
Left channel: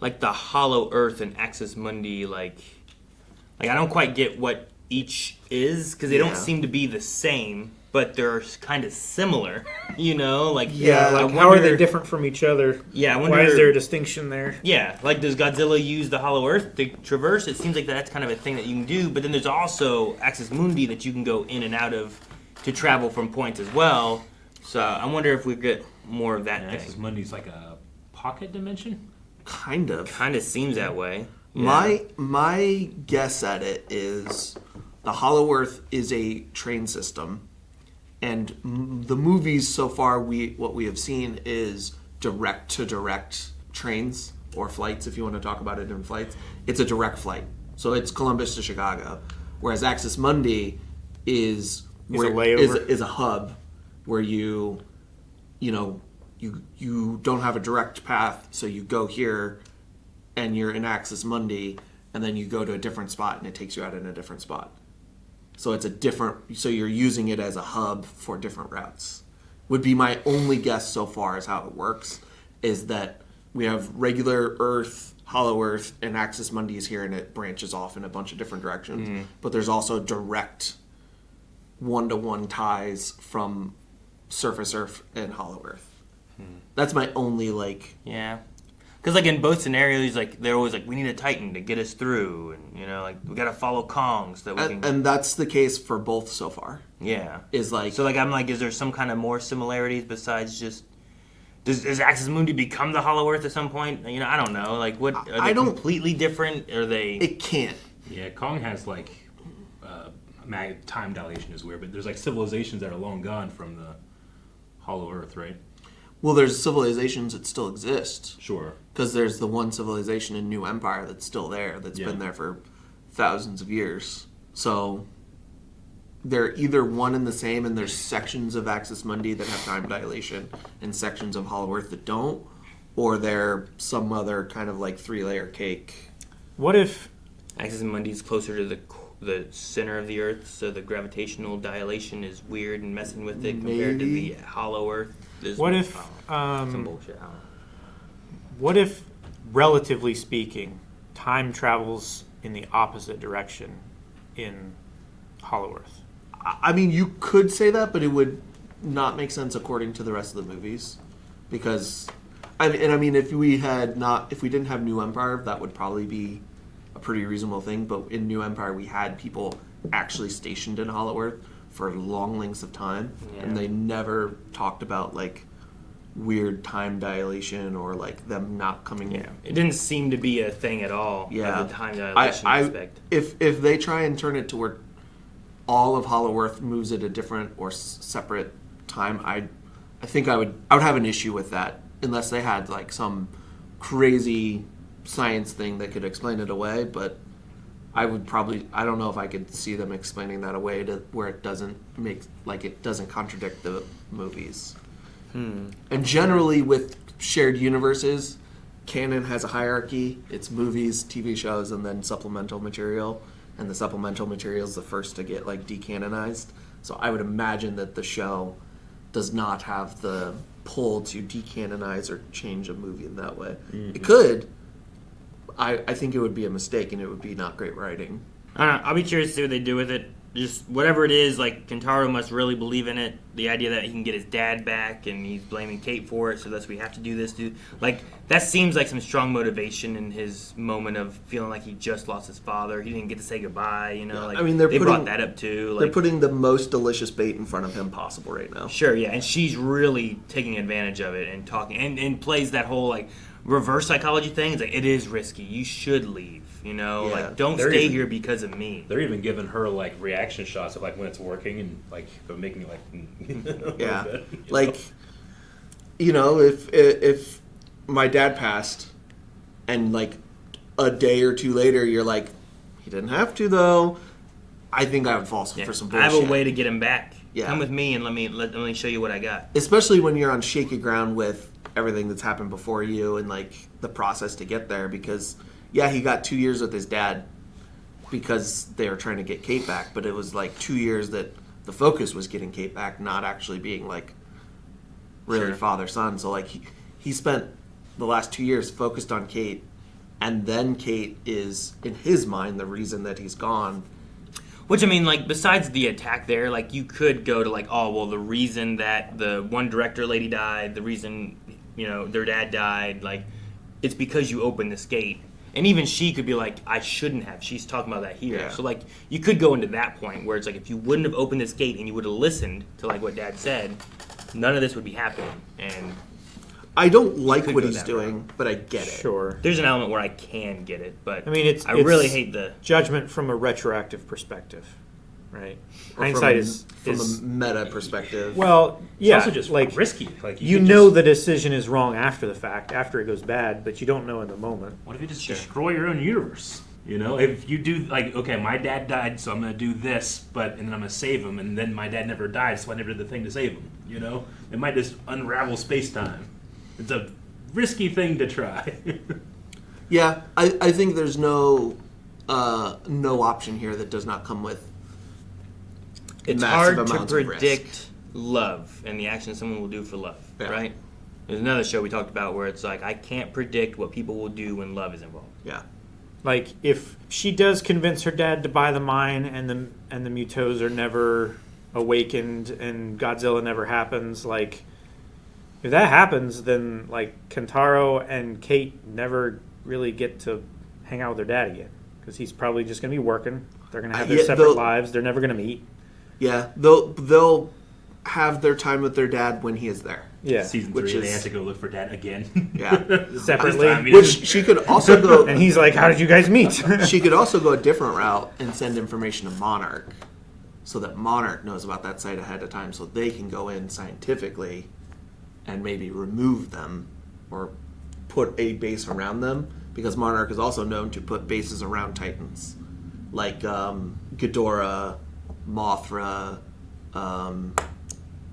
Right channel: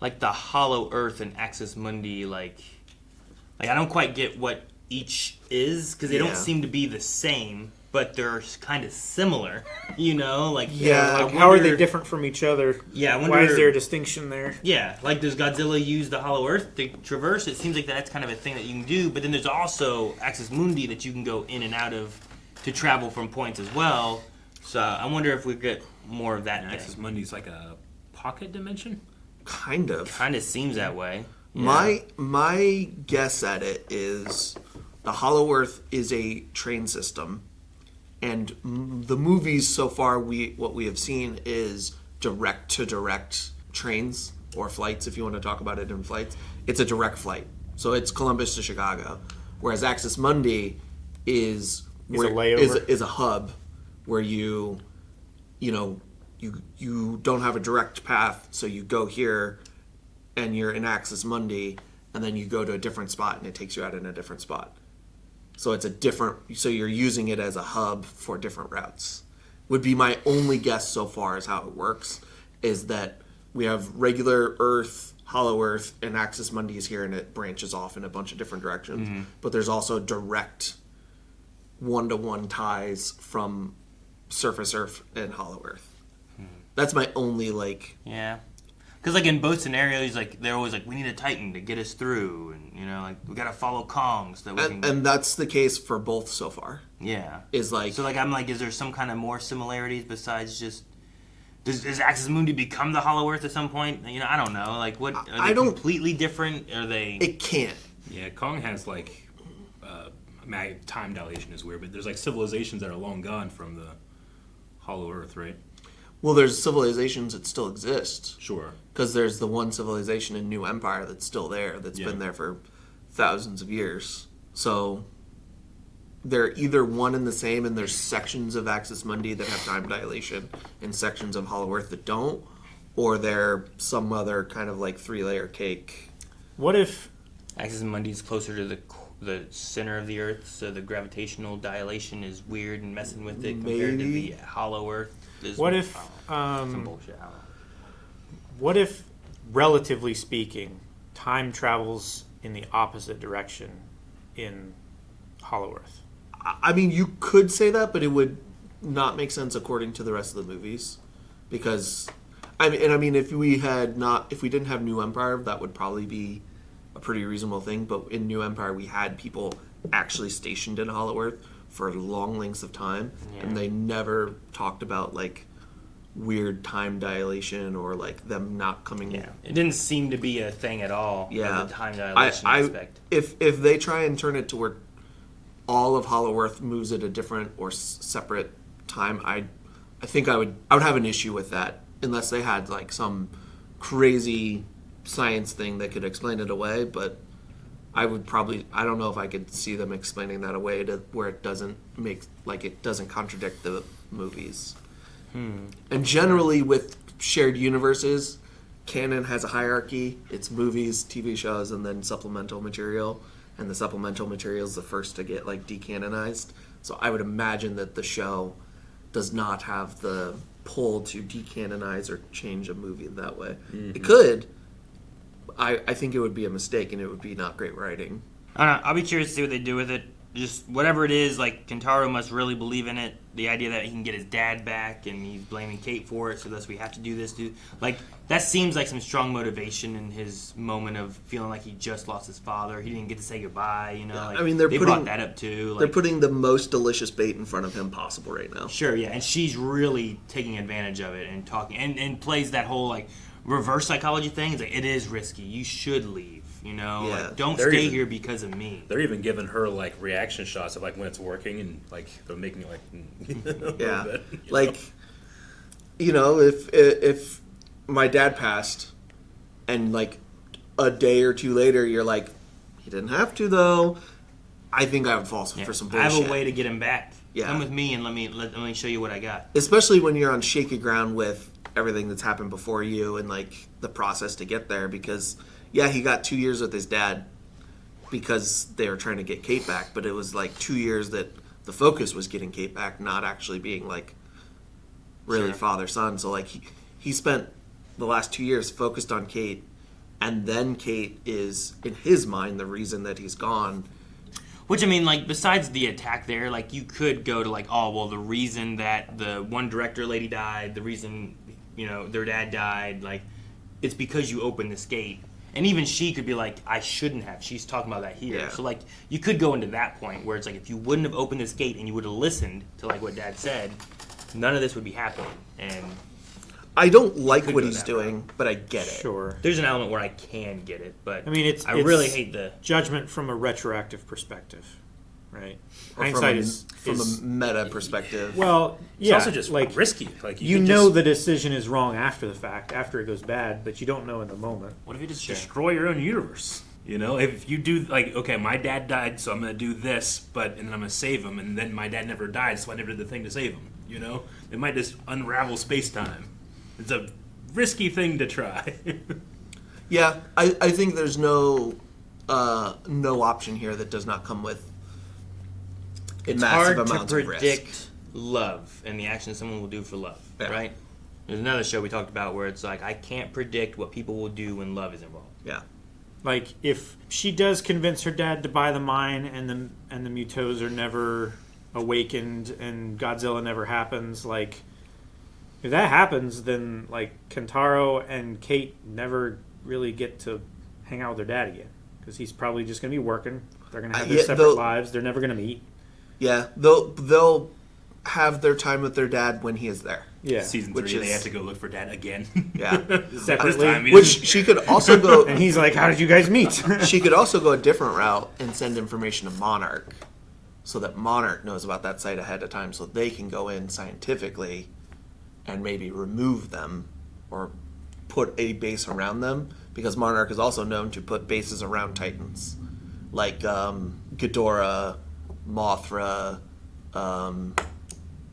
like the Hollow Earth and Axis Mundi, like I don't quite get what each is, because they don't seem to be the same, but they're kind of similar, you know? Like, how are they different from each other? Yeah, I wonder, why is there a distinction there? Yeah, like does Godzilla use the Hollow Earth to traverse? It seems like that's kind of a thing that you can do, but then there's also Axis Mundi that you can go in and out of to travel from points as well. So I wonder if we get more of that. Axis Mundi's like a pocket dimension? Kind of. Kind of seems that way. My guess at it is the Hollow Earth is a train system, and the movies so far what we have seen is direct to direct trains or flights, if you want to talk about it in flights. It's a direct flight, so it's Columbus to Chicago, whereas Axis Mundi is a hub where you don't have a direct path, so you go here and you're in Axis Mundi, and then you go to a different spot and it takes you out in a different spot. So so you're using it as a hub for different routes. Would be my only guess so far as how it works, is that we have regular Earth, Hollow Earth, and Axis Mundi is here, and it branches off in a bunch of different directions. Mm-hmm. But there's also direct one-to-one ties from Surface Earth and Hollow Earth. That's my only Yeah, because in both scenarios, they're always we need a Titan to get us through, and we gotta follow Kong so that we can. And that's the case for both so far. Yeah. So I'm is there some kind of more similarities besides just? Does Axis Mundi become the Hollow Earth at some point? I don't know. What are they completely different? Are they? It can't. Yeah, Kong has time dilation is weird, but there's civilizations that are long gone from the Hollow Earth, right? Well, there's civilizations that still exist. Sure. Because there's the one civilization in New Empire that's still there, that's been there for thousands of years. So they're either one and the same, and there's sections of Axis Mundi that have time dilation and sections of Hollow Earth that don't, or they're some other kind of 3-layer cake. What if Axis Mundi is closer to the center of the Earth, so the gravitational dilation is weird and messing with it compared to the Hollow Earth? What if, some bullshit? What if, relatively speaking, time travels in the opposite direction in Hollow Earth? I mean, you could say that, but it would not make sense according to the rest of the movies, because if we didn't have New Empire, that would probably be a pretty reasonable thing. But in New Empire, we had people actually stationed in Hollow Earth for long lengths of time, and they never talked about weird time dilation or them not coming. Yeah, it didn't seem to be a thing at all. Yeah, the time dilation aspect. If they try and turn it to where all of Hollow Earth moves at a different or separate time, I think I would have an issue with that, unless they had some crazy science thing that could explain it away. But I don't know if I could see them explaining that away to where it doesn't contradict the movies. And generally with shared universes, canon has a hierarchy. It's movies, TV shows, and then supplemental material. And the supplemental material is the first to get decanonized. So I would imagine that the show does not have the pull to decanonize or change a movie in that way. Mm-hmm. It could. I think it would be a mistake, and it would be not great writing. I don't know. I'll be curious to see what they do with it. Just whatever it is, Kentaro must really believe in it. The idea that he can get his dad back, and he's blaming Kate for it, so thus we have to do this. That seems like some strong motivation in his moment of feeling like he just lost his father. He didn't get to say goodbye. They brought that up too. They're putting the most delicious bait in front of him possible right now. Sure, yeah, and she's really taking advantage of it and talking and plays that whole reverse psychology thing. It is risky. You should leave. Don't stay here because of me. They're even giving her reaction shots of when it's working, and they're making yeah, if my dad passed, and a day or two later you're he didn't have to though. I think I would fall for some bullshit. I have a way to get him back. Yeah. Come with me and let me show you what I got. Especially when you're on shaky ground with everything that's happened before you and like the process to get there. Because he got 2 years with his dad because they were trying to get Kate back, but it was like 2 years that the focus was getting Kate back, not actually being like really father-son. So like he spent the last 2 years focused on Kate, and then Kate is, in his mind, the reason that he's gone. Which, I mean, like, besides the attack there, like, you could go to, like, oh, well, the reason that the one director lady died, the reason, you know, their dad died, like, it's because you opened this gate. And even she could be like, I shouldn't have. She's talking about that here. Yeah. So, like, you could go into that point where it's like, if you wouldn't have opened this gate and you would have listened to, like, what Dad said, none of this would be happening. And I don't like what he's doing, but I get it. Sure. there's an element where I can get it, but I mean, it's really hate the judgment from a retroactive perspective, right? Or from a meta perspective. Well, yeah, it's also just like risky. Like you know the decision is wrong after the fact, after it goes bad, but you don't know in the moment. What if you just destroy your own universe? You know, if you do like, okay, my dad died, so I'm gonna do this, and then I'm gonna save him, and then my dad never died, so I never did the thing to save him. You know, it might just unravel space time. It's a risky thing to try. Yeah, I think there's no option here that does not come with it's massive hard amounts to of risk. predict love and the action someone will do for love, right? There's another show we talked about where it's like, I can't predict what people will do when love is involved. Yeah. Like if she does convince her dad to buy the mine and the Mutos are never awakened and Godzilla never happens, like if that happens, then like Kentaro and Kate never really get to hang out with their dad again because he's probably just going to be working. They're going to have their separate lives. They're never going to meet. Yeah, they'll have their time with their dad when he is there. Yeah, season 3, they have to go look for Dad again. Yeah, separately. Which she could also go. And he's like, "How did you guys meet?" She could also go a different route and send information to Monarch, so that Monarch knows about that site ahead of time, so they can go in scientifically and maybe remove them or put a base around them. Because Monarch is also known to put bases around Titans, like Ghidorah, Mothra,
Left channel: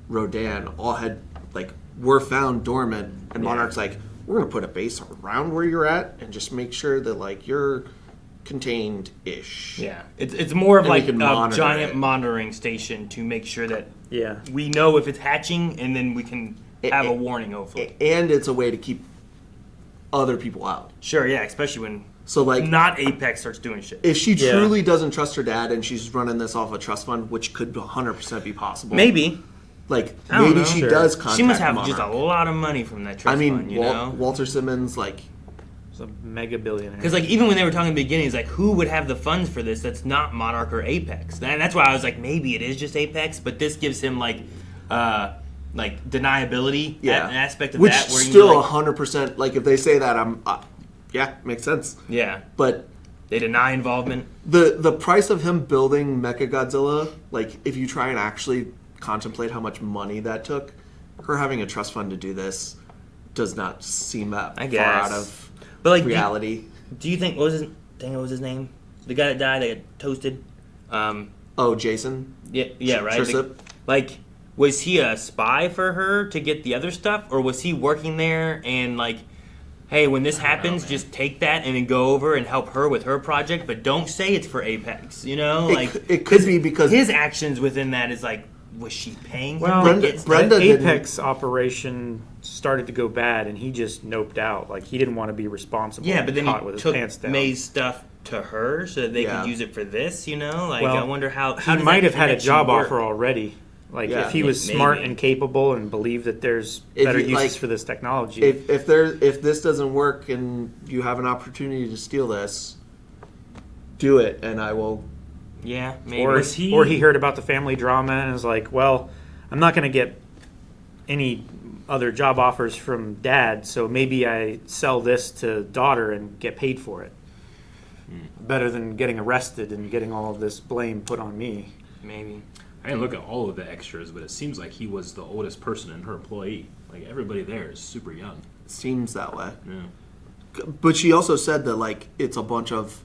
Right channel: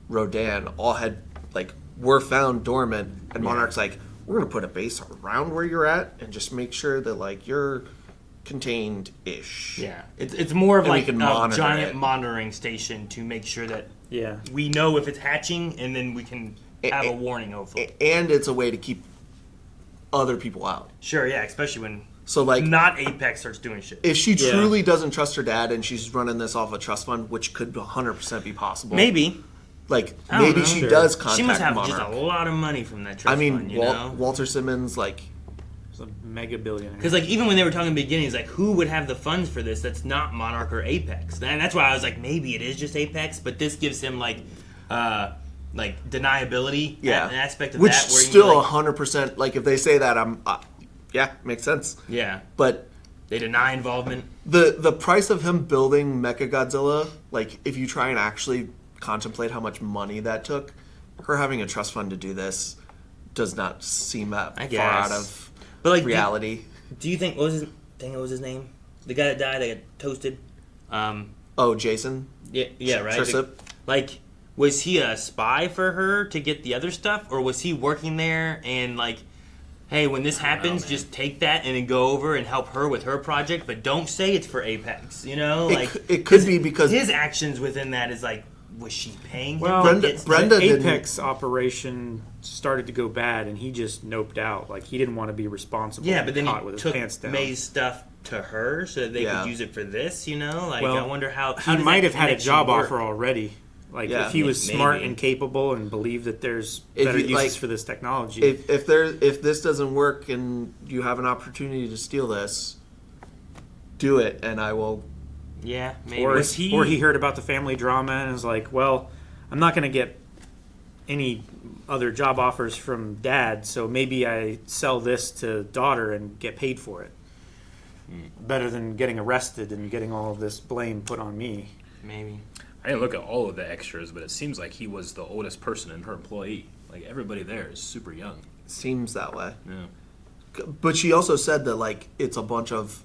Rodan, all had were found dormant, and Monarch's like, we're gonna put a base around where you're at and just make sure that you're contained-ish. Yeah, it's more of and like a monitor giant monitoring station to make sure that we know if it's hatching, and then we can have a warning. Hopefully, and it's a way to keep other people out. Sure, yeah, especially when not Apex starts doing shit. If she truly doesn't trust her dad and she's running this off a trust fund, which could 100% be possible. Maybe. Maybe she does contact She must have Monarch. just a lot of money from that trust fund, you know? Walter Simmons, He's a mega billionaire. Because even when they were talking in the beginning, it's like, who would have the funds for this that's not Monarch or Apex? And that's why I was like, maybe it is just Apex, but this gives him deniability, an aspect of which that. Where still 100%, if they say that, makes sense. Yeah. But they deny involvement. The price of him building Mechagodzilla, if you try and actually contemplate how much money that took, her having a trust fund to do this does not seem that far out of reality. Do you think, what was his name? The guy that died, that got toasted? Jason? Yeah, right? Trissop? Was he a spy for her to get the other stuff? Or was he working there and hey, when this happens, just take that and then go over and help her with her project, but don't say it's for Apex, you know? It could be because his actions within that is was she paying well, him? Brenda Apex operation started to go bad, and he just noped out. He didn't want to be responsible. Yeah, but then he with his took pants down. May's stuff to her so that they could use it for this, you know? I wonder how he might have had a job work? offer already. If he was smart and capable and believed that there's better uses for this technology. If this doesn't work and you have an opportunity to steal this, do it, and I will. Yeah, maybe. Or he heard about the family drama and was like, well, I'm not going to get any other job offers from Dad, so maybe I sell this to daughter and get paid for it. Better than getting arrested and getting all of this blame put on me. Maybe. I didn't look at all of the extras, but it seems like he was the oldest person in her employee. Everybody there is super young. Seems that way. Yeah. But she also said that it's a bunch of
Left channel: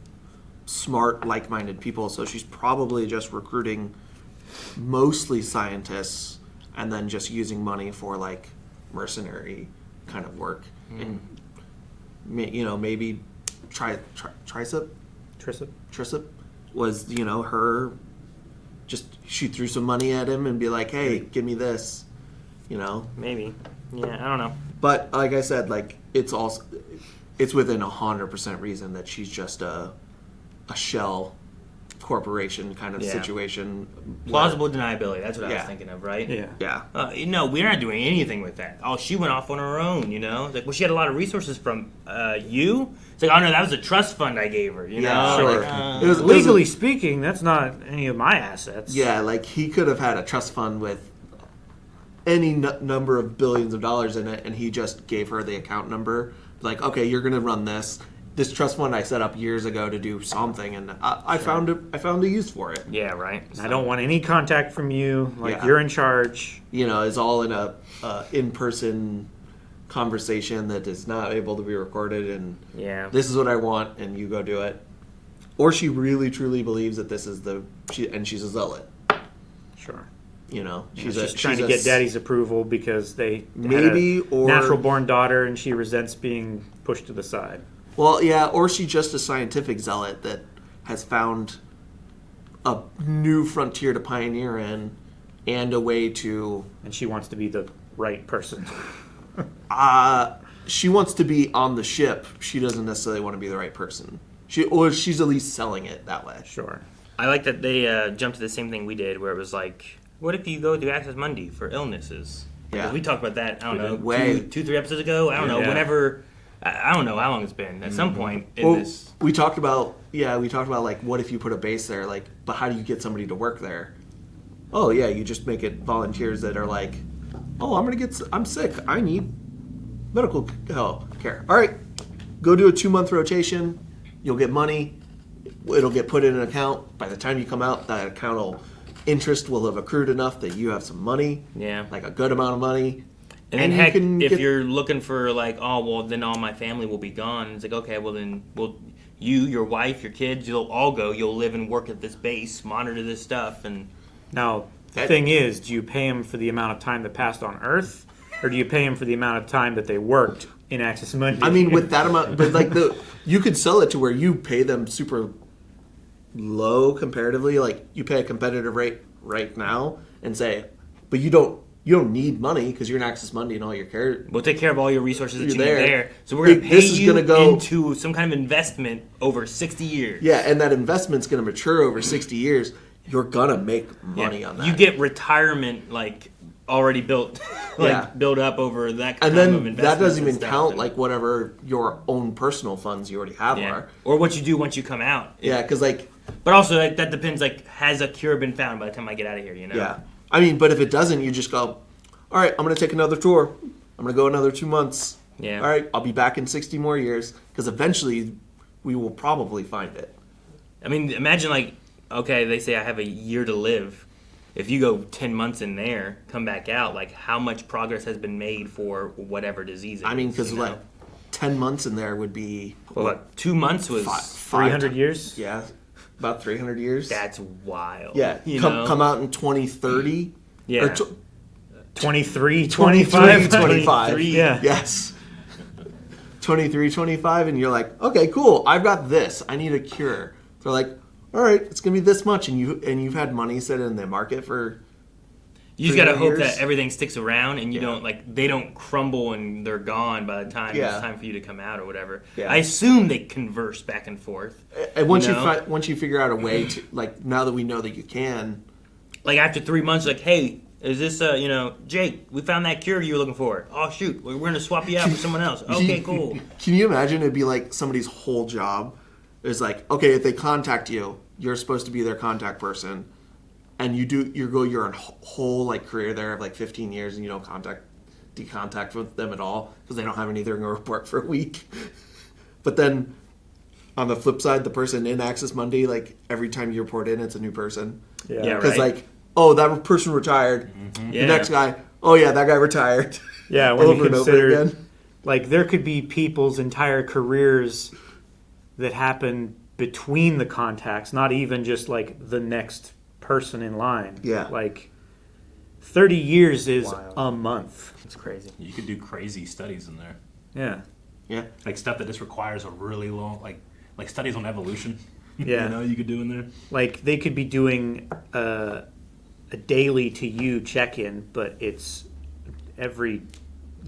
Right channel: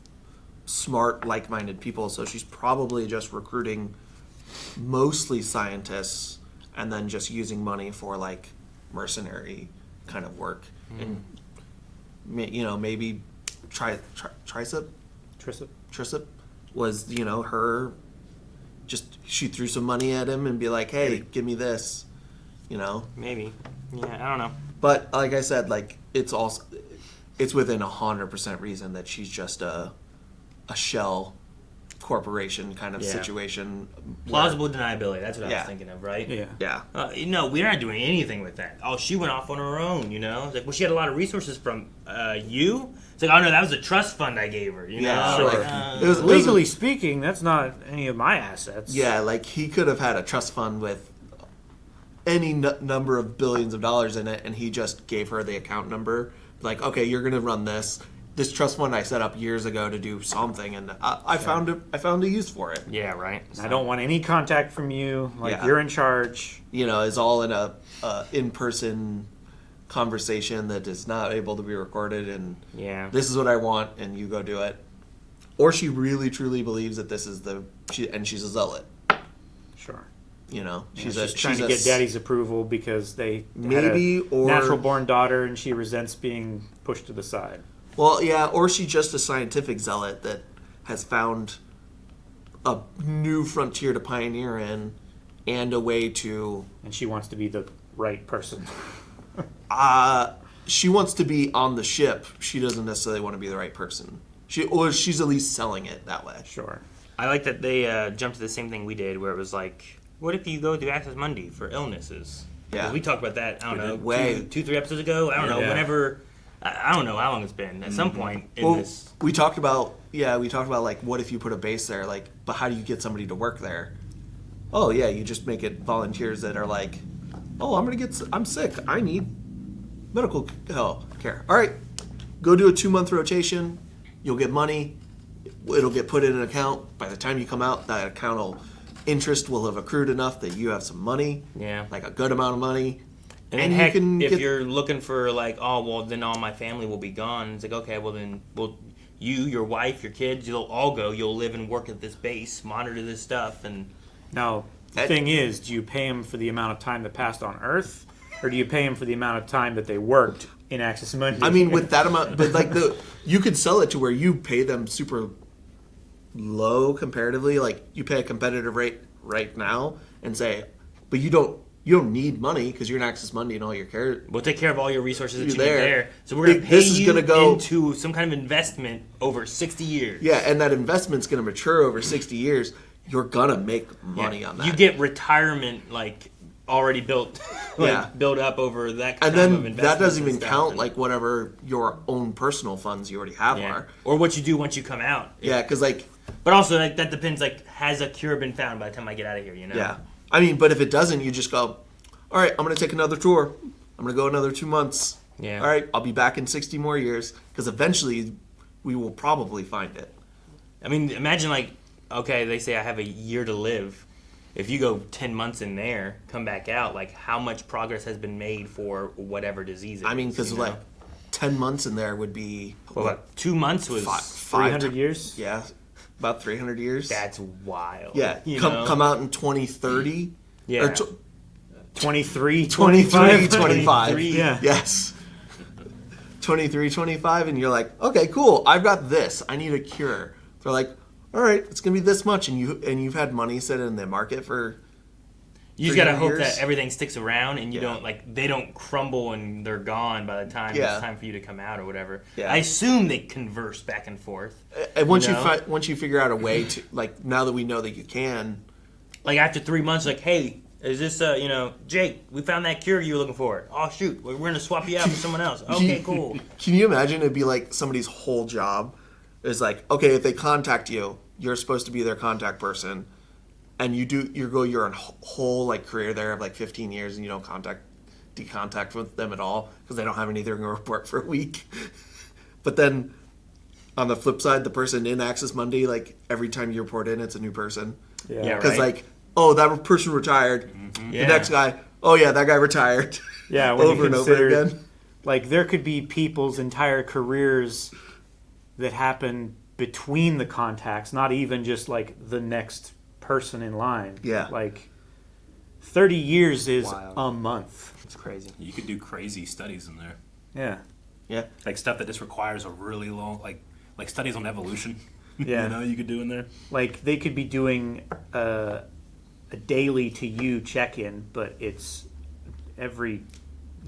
smart, like-minded people. So she's probably just recruiting mostly scientists and then just using money for like mercenary kind of work. And maybe Trissop was her. Just she threw some money at him and be like, "Hey, give me this," Maybe. Yeah, I don't know. But like I said, like it's within 100% reason that she's just a shell corporation kind of situation. Plausible deniability. That's what I was thinking of, right? Yeah. We're not doing anything with that. Oh, she went off on her own. Like, well, she had a lot of resources from you. It's like, oh no, that was a trust fund I gave her. Legally speaking, that's not any of my assets. Yeah, like he could have had a trust fund with any number of billions of dollars in it, and he just gave her the account number. Like, okay, you're gonna run this trust fund I set up years ago to do something, and I found a use for it. Yeah, right. I don't want any contact from you. You're in charge. It's all in a in-person conversation that is not able to be recorded, and this is what I want, and you go do it. Or she really truly believes that this is she's a zealot. Sure. She's trying to get daddy's approval because they maybe had a natural born daughter, and she resents being pushed to the side. Well, yeah, or she's just a scientific zealot that has found a new frontier to pioneer in, and a way to. And she wants to be the right person. She wants to be on the ship. She doesn't necessarily want to be the right person. She's at least selling it that way. Sure. I like that they jumped to the same thing we did, where it was like, what if you go through Access Mundi for illnesses? Yeah. We talked about that, I don't know, Way. 2-3 episodes ago? I don't know, whenever... I don't know how long it's been. At some point this... We talked about like, what if you put a base there? Like, but how do you get somebody to work there? Oh, yeah, you just make it volunteers that are like, oh, I'm sick. I need medical care. All right, go do a 2-month rotation. You'll get money. It'll get put in an account. By the time you come out, that interest will have accrued enough that you have some money. Yeah. Like a good amount of money. And then if you're looking for like, oh, well, then all my family will be gone. It's like, okay, well then, you, your wife, your kids, you'll all go. You'll live and work at this base, monitor this stuff, and... Now, the thing is, do you pay them for the amount of time that passed on Earth, or do you pay them for the amount of time that they worked in Access Mundi? I mean, with that amount, but like you could sell it to where you pay them super low comparatively. Like you pay a competitive rate right now, and say, but you don't need money because you're in Access Mundi and all your care. We'll take care of all your resources that you there. need there. So we're going to pay you go into some kind of investment over 60 years. Yeah, and that investment's going to mature over 60 years. You're going to make money on that. You get retirement like already built, built up over that kind of investment. And then that doesn't even count like whatever your own personal funds you already have are. Or what you do once you come out. Yeah, because like... But also like that depends, like has a cure been found by the time I get out of here, Yeah. I mean, but if it doesn't, you just go, all right, I'm going to take another tour. I'm going to go another 2 months. Yeah. All right, I'll be back in 60 more years because eventually we will probably find it. I mean, imagine like, okay, they say I have a year to live. If you go 10 months in there, come back out, like how much progress has been made for whatever disease it is? I mean, because like 10 months in there would be... What, 2 months was... 300 years? Yeah, about 300 years. That's wild. Yeah, come out in 2030. Yeah. 23, 25. Yeah. Yes. 23, 25, and you're like, okay, cool. I've got this. I need a cure. They're like, all right, it's gonna be this much, and you've had money sit in the market for. You just gotta hope that everything sticks around, and you don't they don't crumble and they're gone by the time it's time for you to come out or whatever. Yeah. I assume they converse back and forth. And once you figure out a way to, like, now that we know that you can. Like after 3 months, like, hey, is this Jake? We found that cure you were looking for. Oh shoot, we're gonna swap you out with someone else. Okay, cool. Can you imagine? It'd be like somebody's whole job is like, okay, if they contact you, you're supposed to be their contact person, and you're in whole like career there of like 15 years, and you don't decontact with them at all because they don't have anything to report for a week. But then on the flip side, the person in Access Mundi, like every time you report in, it's a new person. Yeah, because like, oh, that person retired. Mm-hmm. The next guy, oh yeah, that guy retired. Yeah, over and over again. Like there could be people's entire careers that happen between the contacts, not even just like the next person in line. Yeah. Like 30 years is Wild. a month. It's crazy. You could do crazy studies in there. Yeah. Yeah. Like stuff that just requires a really long, like studies on evolution. Yeah. You know, you could do in there. Like they could be doing a daily to you check-in, but it's every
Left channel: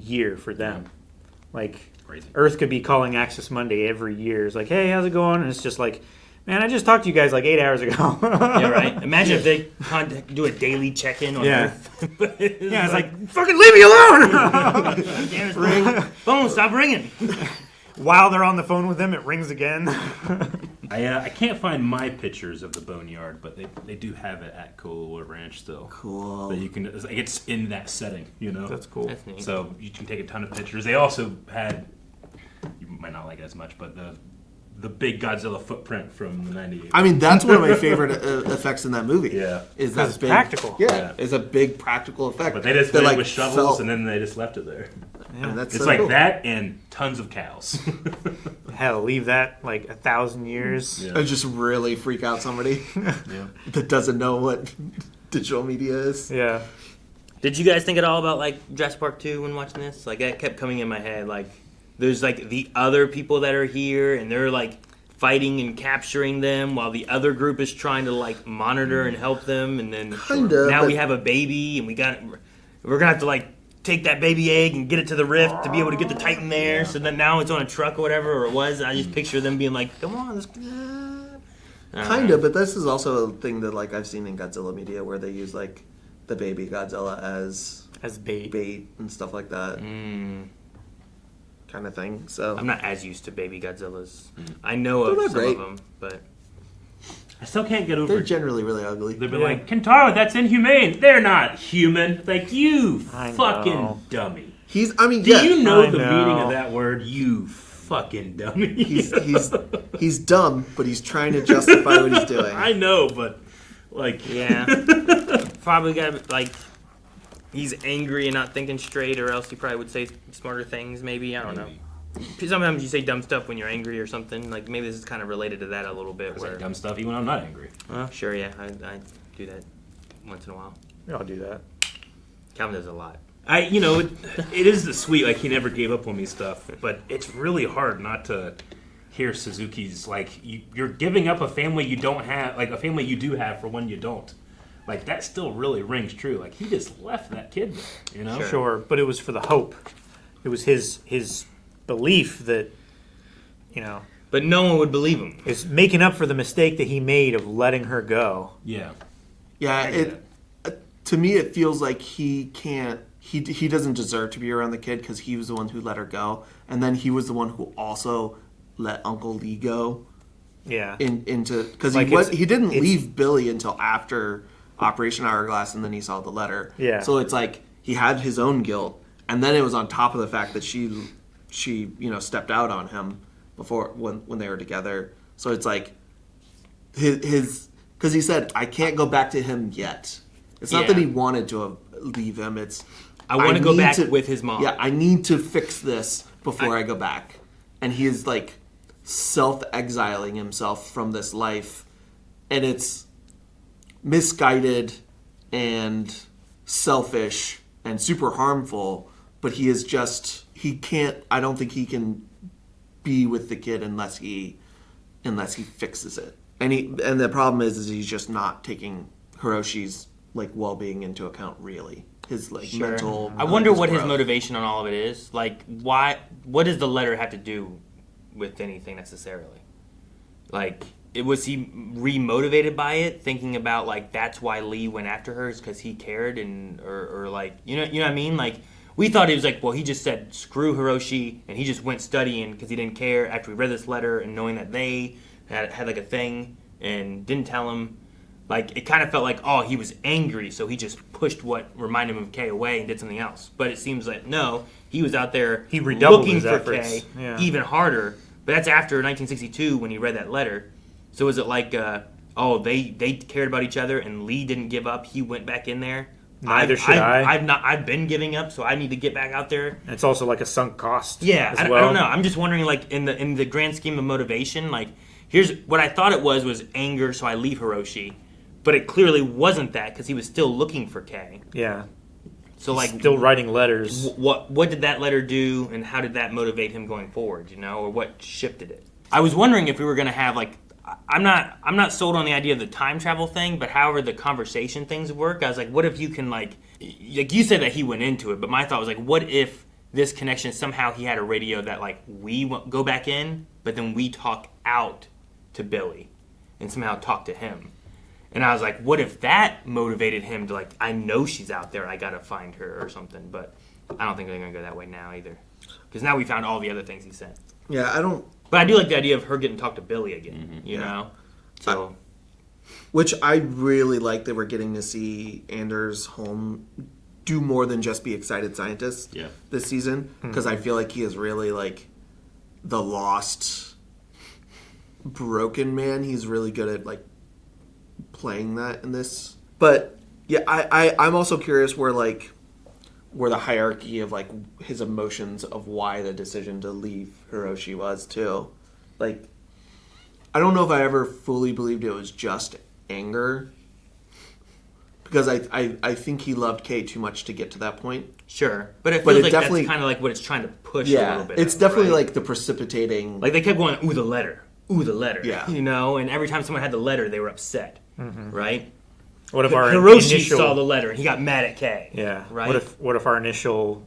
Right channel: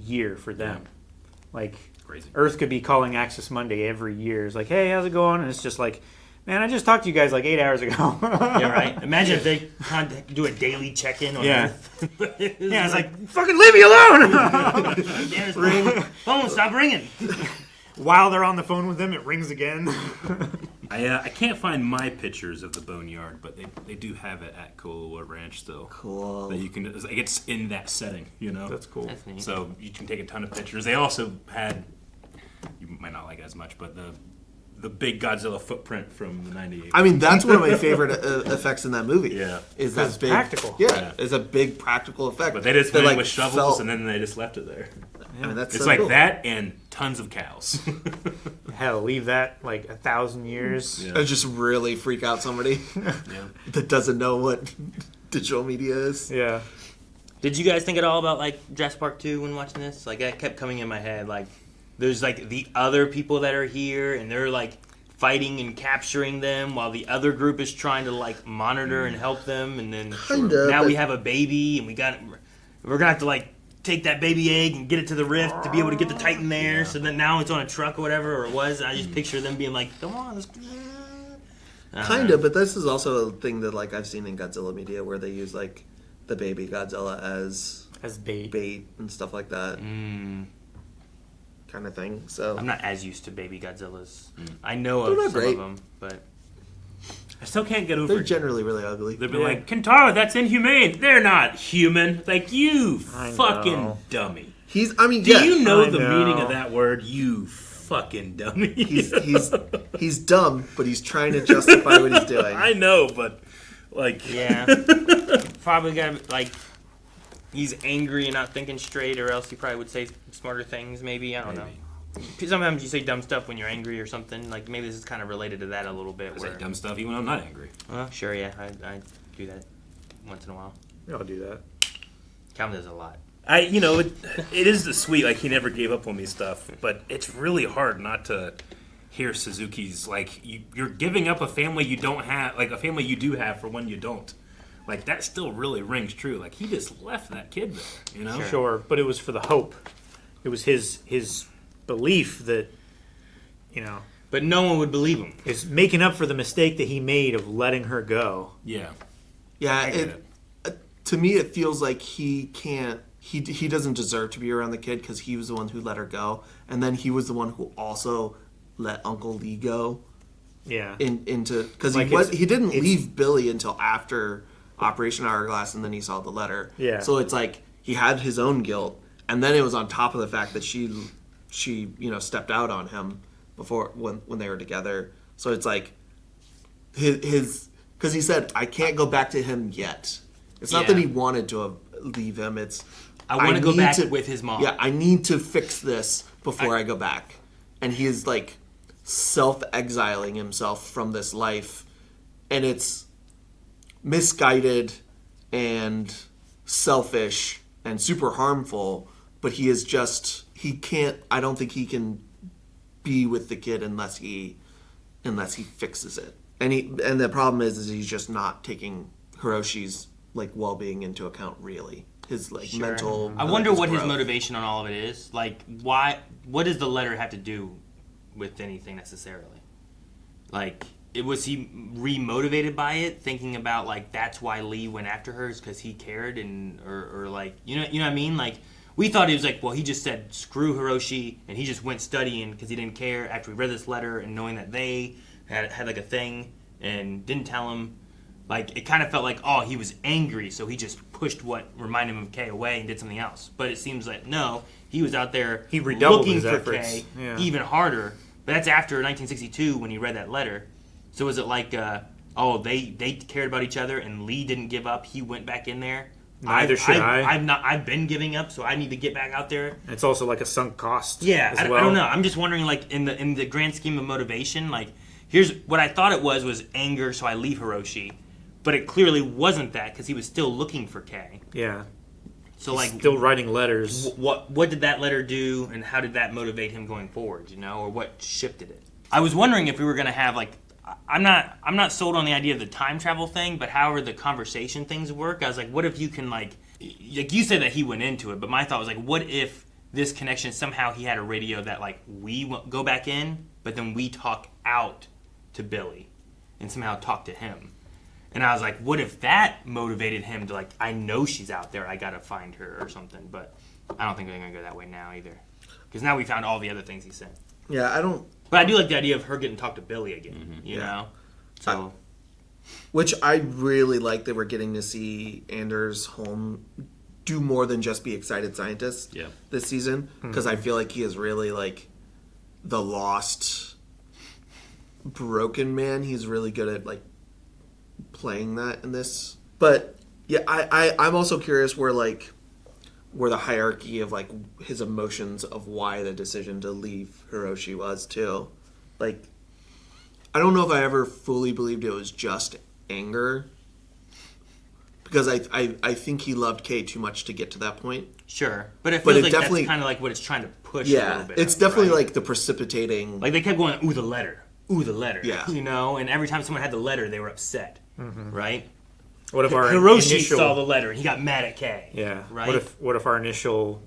year for them. Yeah. Like Crazy. Earth could be calling Access Monday every year. It's like, hey, how's it going? And it's just like, man, I just talked to you guys like 8 hours ago. Yeah, right. Imagine if they do a daily check-in on Earth. Yeah, it's like, fucking leave me alone! Ring. Phone, stop ringing. While they're on the phone with them, it rings again. I can't find my pictures of the boneyard, but they do have it at Coolwood Ranch still. Cool. That you can, it's in that setting, you know. That's cool. That's neat. So you can take a ton of pictures. They also had, you might not like it as much, but the big Godzilla footprint from the '98. I mean, that's one of my favorite effects in that movie. Yeah. Is that it's big practical. Yeah, it's a big practical effect. But they just that, made it like, with shovels felt- and then they just left it there. I mean, that's It's so like cool. that and tons of cows. Hell, leave that like 1,000 years. Yeah. Or just really freak out somebody that doesn't know what digital media is. Yeah. Did you guys think at all about like Jurassic Park 2 when watching this? Like that kept coming in my head. Like there's like the other people that are here and they're like fighting and capturing them while the other group is trying to like monitor and help them. And then Kinda, now but- we have a baby and we're gonna have to like take that baby egg and get it to the rift to be able to get the Titan there. So then now it's on a truck or whatever, or it was. I just picture them being like, "Come on, let's." Kind of, but this is also a thing that like I've seen in Godzilla media where they use like the baby Godzilla as bait and stuff like that. Kind of thing. So I'm not as used to baby Godzillas. I know They're of not some great. of them, but I still can't get over they're it. generally really ugly. They'd be like, Kentaro, that's inhumane. They're not human. Like, you I fucking know. dummy. He's. I mean, Do yeah. you know I the know. meaning of that word? You fucking dummy. He's dumb, but he's trying to justify what he's doing. I know, but, like... yeah, probably got like he's angry and not thinking straight, or else he probably would say smarter things. Maybe I don't know. Sometimes you say dumb stuff when you're angry or something. Like maybe this is kind of related to that a little bit. I say dumb stuff even when I'm not angry. Sure, yeah, I do that once in a while. I'll do that. Calvin does a lot. It is the sweet, like, he never gave up on me stuff, but it's really hard not to hear Suzuki's, like, you're giving up a family you don't have, like, a family you do have for one you don't. Like, that still really rings true. Like, he just left that kid there, you know? Sure, but it was for the hope. It was his belief that, But no one would believe him. is making up for the mistake that he made of letting her go. Yeah. Yeah, to me it feels like he can't. He doesn't deserve to be around the kid because he was the one who let her go, and then he was the one who also let Uncle Lee go. Yeah. Into because Like he didn't leave Billy until after Operation Hourglass, and then he saw the letter. Yeah. So it's like he had his own guilt, and then it was on top of the fact that she stepped out on him before when they were together. So it's like his because he said, I can't go back to him yet. It's not that he wanted to leave him. It's I want to go need back with his mom. Yeah, I need to fix this before I go back. And he is like self-exiling himself from this life, and it's misguided and selfish and super harmful. But he can't. I don't think he can be with the kid unless he fixes it. And the problem is he's just not taking Hiroshi's like well-being into account, really. His like mental. I wonder what his growth. motivation on all of it is. Like, why? What does the letter have to do with anything necessarily? Like, was he re-motivated by it, thinking about like that's why Lee went after her, is because he cared, and or like you know what I mean? Like, we thought it was like, well, he just said screw Hiroshi, and he just went studying because he didn't care after we read this letter and knowing that they had like a thing and didn't tell him. Like, it kind of felt like, oh, he was angry, so he just pushed what reminded him of Kay away and did something else. But it seems like, no, he was out there He redoubled looking his for efforts. Kay Yeah. even harder. But that's after 1962 when he read that letter. So is it like, they cared about each other and Lee didn't give up, he went back in there? Neither should I. I've been giving up, so I need to get back out there. It's also like a sunk cost. Yeah, as I well. don't know. I'm just wondering, like, in the grand scheme of motivation, like, here's what I thought it was anger, so I leave Hiroshi. But it clearly wasn't that, because he was still looking for Kay. Yeah. So like, still writing letters. What did that letter do, and how did that motivate him going forward? You know, or what shifted it? I was wondering if we were gonna have like, I'm not sold on the idea of the time travel thing, but however the conversation things work, I was like, what if you can like you said that he went into it, but my thought was like, what if this connection somehow he had a radio that like we go back in, but then we talk out to Billy, and somehow talk to him. And I was like, what if that motivated him to like, I know she's out there, I gotta find her or something. But I don't think they're gonna go that way now either. Because now we found all the other things he said. Yeah, I don't... But I do like the idea of her getting to talk to Billy again, you know? So... Which I really like that we're getting to see Anders Holm do more than just be excited scientist this season. Because I feel like he is really like the lost, broken man. He's really good at like playing that in this. But yeah, I'm also curious where the hierarchy of like his emotions of why the decision to leave Hiroshi was too. Like, I don't know if I ever fully believed it was just anger, because I think he loved Kay too much to get to that point. Sure, but it feels like definitely, that's kind of like what it's trying to push. Yeah, a little bit it's definitely like the precipitating. Like they kept going, ooh, the letter. Yeah, you know, and every time someone had the letter, they were upset, right? What if our Hiroshi initial... saw the letter and he got mad at Kay? Yeah, right. What if our initial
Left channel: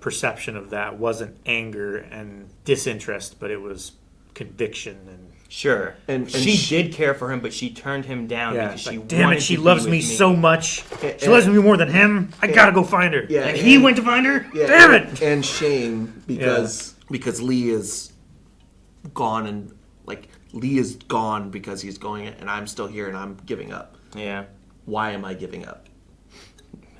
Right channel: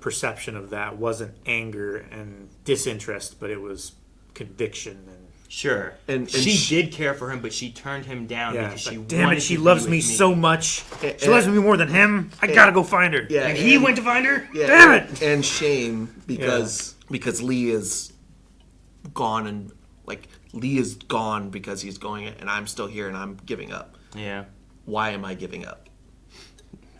perception of that wasn't anger and disinterest, but it was conviction and... Sure. And she did care for him, but she turned him down because she damn it, she loves me so much. She loves me more than him. I gotta go find her. Yeah, and he went to find her? Yeah, Damn it! And shame because Lee is gone, and like Lee is gone because he's going, and I'm still here and I'm giving up. Yeah. Why am I giving up?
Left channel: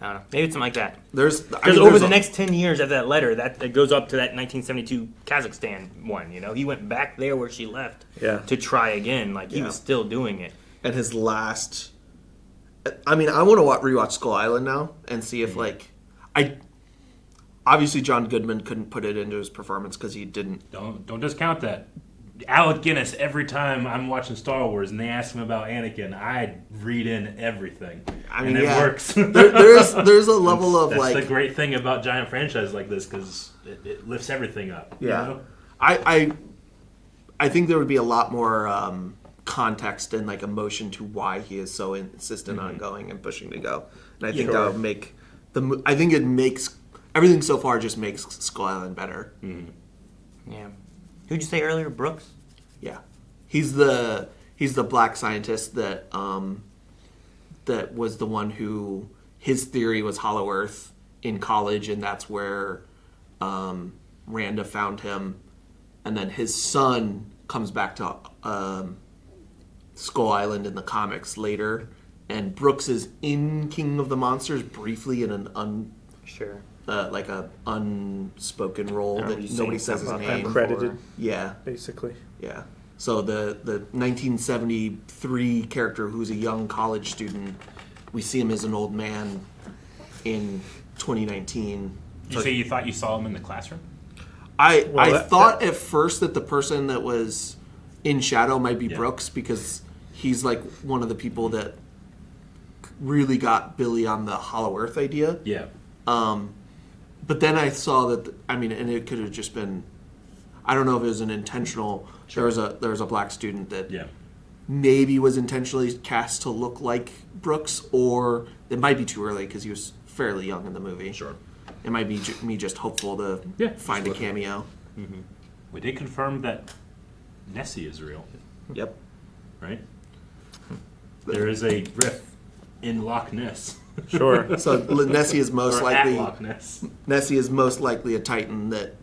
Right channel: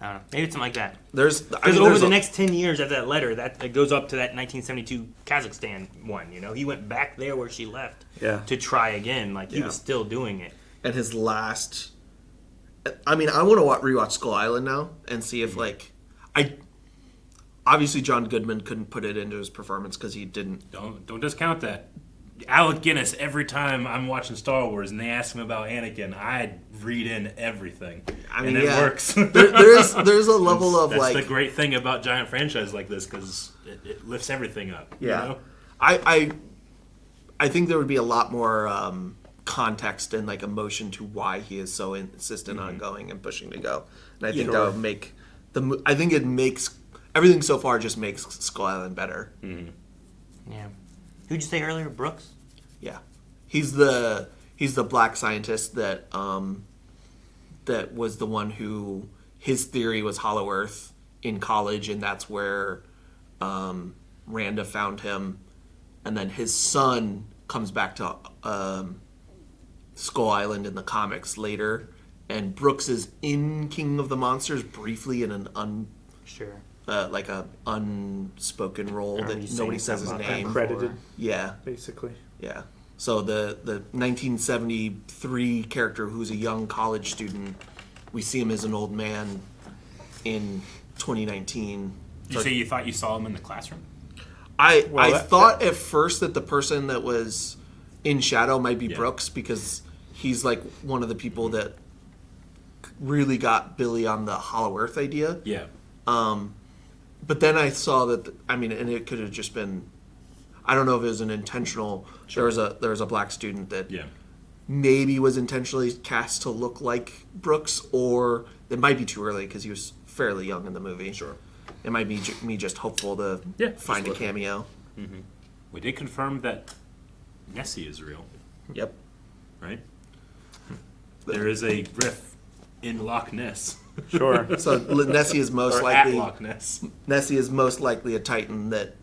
I don't know. Maybe it's something like that. Because over the next 10 years after that letter, that goes up to that 1972 Kazakhstan one, you know? He went back there where she left to try again. Like, he was still doing it. And his last... I mean, I want to rewatch Skull Island now and see if, like... Obviously, John Goodman couldn't put it into his performance because he didn't... Don't discount that. Alec Guinness, every time I'm watching Star Wars and they ask him about Anakin, I read in everything. I mean, and it works. there's a level of that's like... the great thing about giant franchises like this, because it lifts everything up. Yeah. You know? I think there would be a lot more context and like emotion to why he is so insistent on going and pushing to go. And I think that would make... I think it makes... Everything so far just makes Skull Island better. Mm-hmm. Yeah. Who'd you say earlier? Brooks? Yeah, he's the black scientist that that was the one who his theory was Hollow Earth in college, and that's where Randa found him, and then his son comes back to Skull Island in the comics later, and Brooks is in King of the Monsters briefly in an like a unspoken role that nobody says his name. Uncredited. Yeah. Basically. Yeah. So the 1973 character who's a young college student, we see him as an old man in 2019. You say you thought you saw him in the classroom? I thought at first that the person that was in shadow might be Brooks, because he's like one of the people that really got Billy on the Hollow Earth idea. Yeah. But then I saw that, and it could have just been, I don't know if it was an intentional, there was a black student that maybe was intentionally cast to look like Brooks, or it might be too early because he was fairly young in the movie. Sure. It might be me just hopeful to find a cameo. Mm-hmm. We did confirm that Nessie is real. Yep. Right? There is a riff in Loch Ness. Sure. So Nessie is most likely Loch Ness. Nessie is most likely a Titan that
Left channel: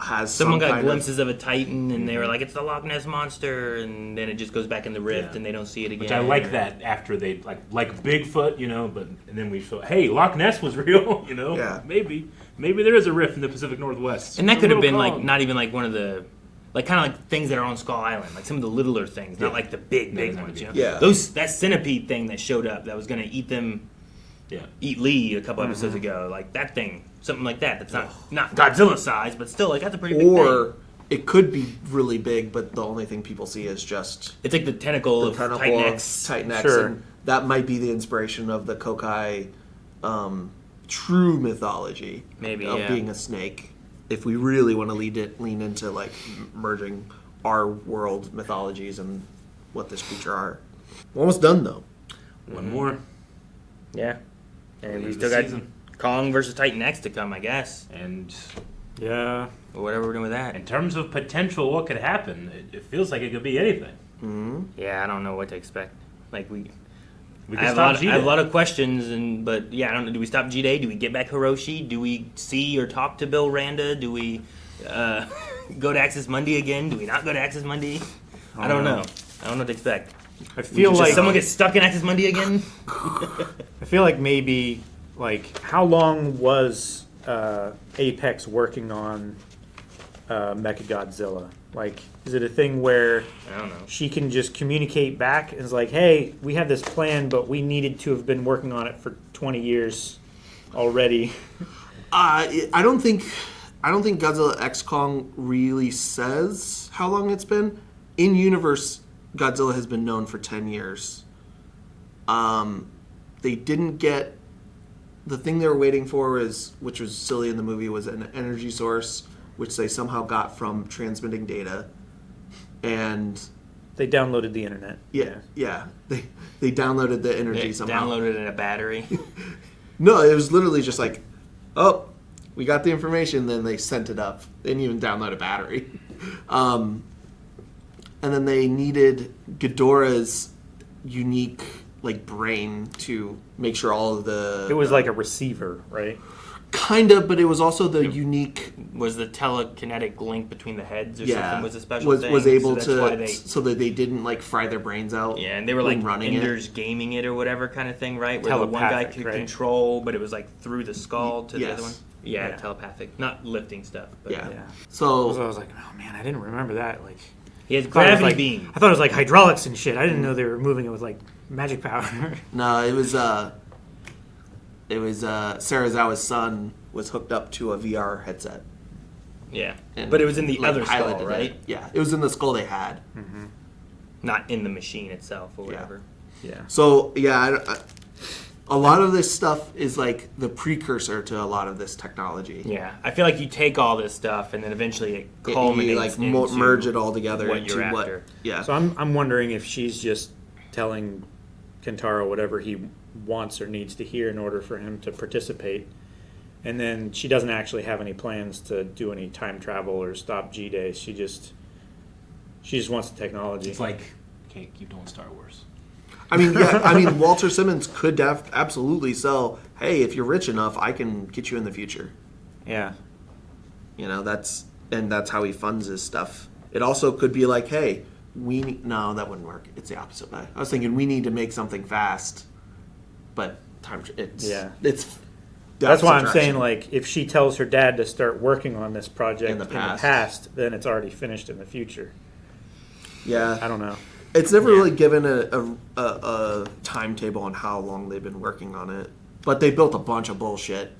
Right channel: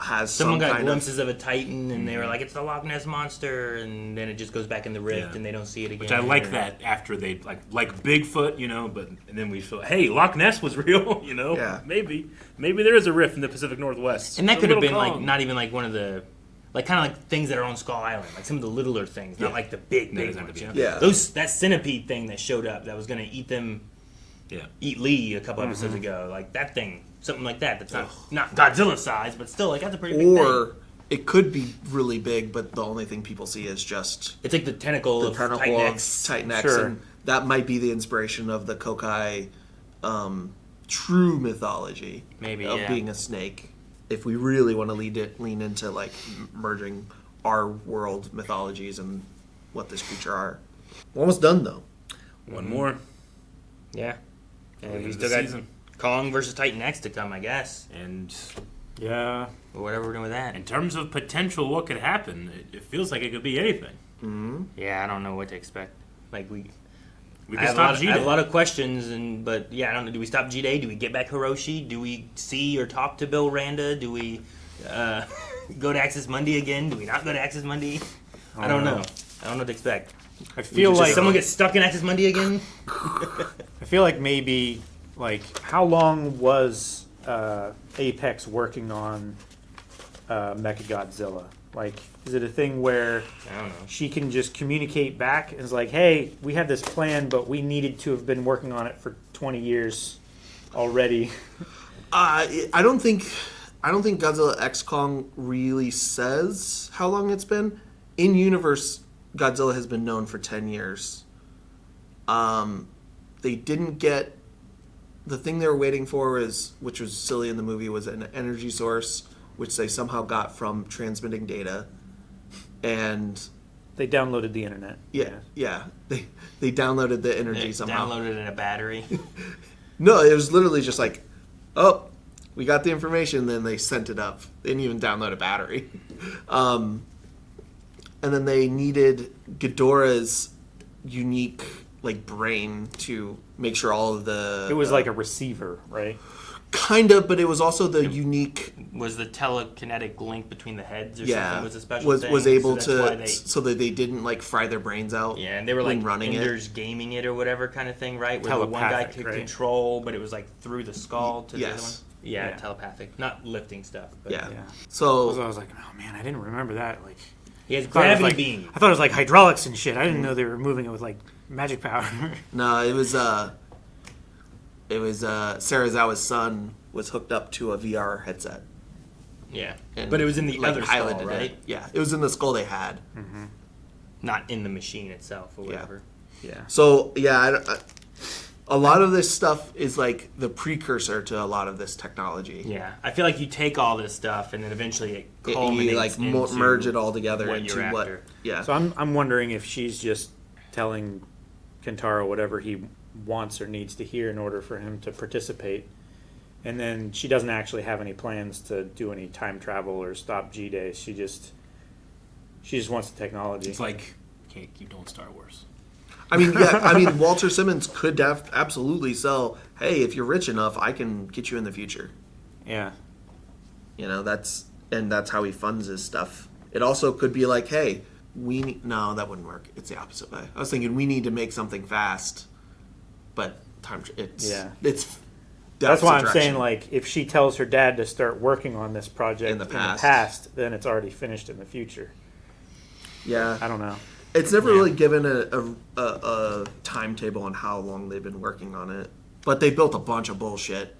has Someone some got kind glimpses of a Titan, and they were like, "It's the Loch Ness monster," and then it just goes back in the rift, and they don't see it again. Which I like that after they like Bigfoot, you know, and then we feel, hey, Loch Ness was real, you know. Yeah. Maybe there is a rift in the Pacific Northwest, and that could have been like not even like one of the. Like kind of like things that are on Skull Island, like some of the littler things, not like the big ones. You know? Yeah. That centipede thing that showed up that was going to eat them, eat Lee a couple episodes ago, like that thing, something like that. That's not Godzilla size, but still like that's a pretty big thing. Or it could be really big, but the only thing people see is just It's like the tentacle of Titan X, Sure. and that might be the inspiration of the Kokai true mythology Maybe, of yeah. being a snake. If we really want to lean into like merging our world mythologies and what this creature are. We're almost done though. One more. Yeah. And we End still the got season. Kong versus Titan X to come, I guess. And Yeah. Or whatever we're doing with that. in terms of potential, what could happen? It feels like it could be anything. Mm-hmm. Yeah, I don't know what to expect. Like We I could have, stop I G-Day. have a lot of questions, but yeah, I don't know. Do we stop G-Day? Do we get back Hiroshi? Do we see or talk to Bill Randa? Do we go to Access Monday again? Do we not go to Access Monday? I don't know. I don't know what to expect. I feel Does like someone get stuck in Access Monday again? I feel like maybe like how long was Apex working on Mechagodzilla? Like, is it a thing where I don't know. she can just communicate back? Is like, hey, we had this plan, but we needed to have been working on it for 20 years already. I don't think Godzilla X Kong really says how long it's been. In universe, Godzilla has been known for 10 years. They didn't get the thing they were waiting for, which was silly in the movie, was an energy source, which they somehow got from transmitting data, and They downloaded the internet. yeah, they downloaded the energy They somehow. downloaded it in a battery. No, it was literally just like, oh, we got the information, then they sent it up. They didn't even download a battery. And then they needed Ghidorah's unique like brain to make sure all of the... It was like a receiver, right? Kind of, but it was also the unique... Was the telekinetic link between the heads or Yeah, something was a special thing? was able so that's why to... So that they didn't like fry their brains out. Yeah, and they were when like running Enders gaming it or whatever kind of thing, right? Where the one guy Telepathic, could right? control, but it was like through the skull to the other one. Yes. Yeah, Yeah. telepathic, not lifting stuff. But Yeah. So I was like, oh man, I didn't remember that. Like, he has I thought it was gravity like- beam. I thought it was like hydraulics and shit. I didn't know they were moving it with like magic power. No, it was Sarazawa's son was hooked up to a VR headset. Yeah, And, but it was in the like, other skull, piloted right? it. Yeah, it was in the skull they had. Not in the machine itself or whatever. Yeah. So yeah, a lot of this stuff is like the precursor to a lot of this technology. Yeah, I feel like you take all this stuff and then eventually it You culminates like into merge it all together what into you're what. after. Yeah. So I'm wondering if she's just telling Kentaro whatever he wants or needs to hear in order for him to participate. And then she doesn't actually have any plans to do any time travel or stop G-Day. She just wants the technology. It's like, can't keep doing Star Wars. I mean, yeah. I mean, Walter Simmons could absolutely sell. Hey, if you're rich enough, I can get you in the future. Yeah. You know, that's how he funds his stuff. It also could be like, hey, no, that wouldn't work. It's the opposite way. I was thinking we need to make something fast, but That's why I'm the direction. saying, like, if she tells her dad to start working on this project In the past. then it's already finished in the future. Yeah, I don't know. It's never really given a timetable on how long they've been working on it, but they built a bunch of bullshit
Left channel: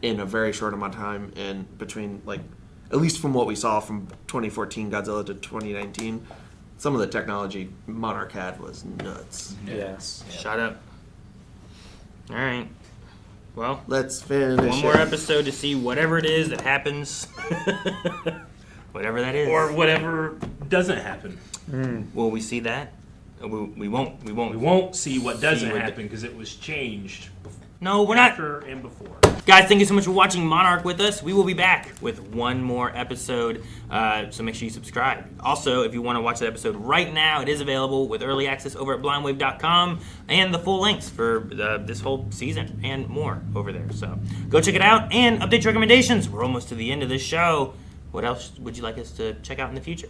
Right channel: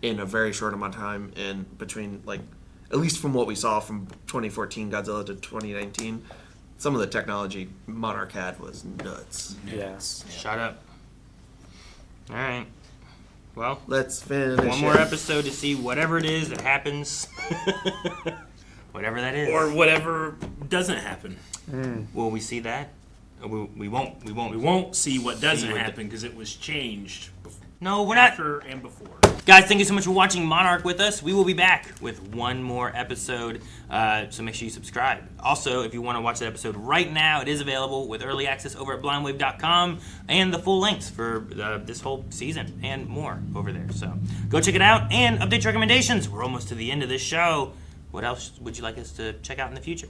in a very short amount of time. And between, like, at least from what we saw from 2014 Godzilla to 2019, some of the technology Monarch had was nuts. Yes. Shut up. All right. Well, Let's finish one more it. episode to see whatever it is that happens. Whatever that is. Or whatever doesn't happen. Will we see that? We won't. We won't see what doesn't happen because it was changed before. No, we're not. After and before. Guys, thank you so much for watching Monarch with us. We will be back with one more episode, so make sure you subscribe. Also, if you want to watch that episode right now, it is available with early access over at blindwave.com and the full links for this whole season and more over there. So go check it out and update your recommendations. We're almost to the end of this show. What else would you like us to check out in the future?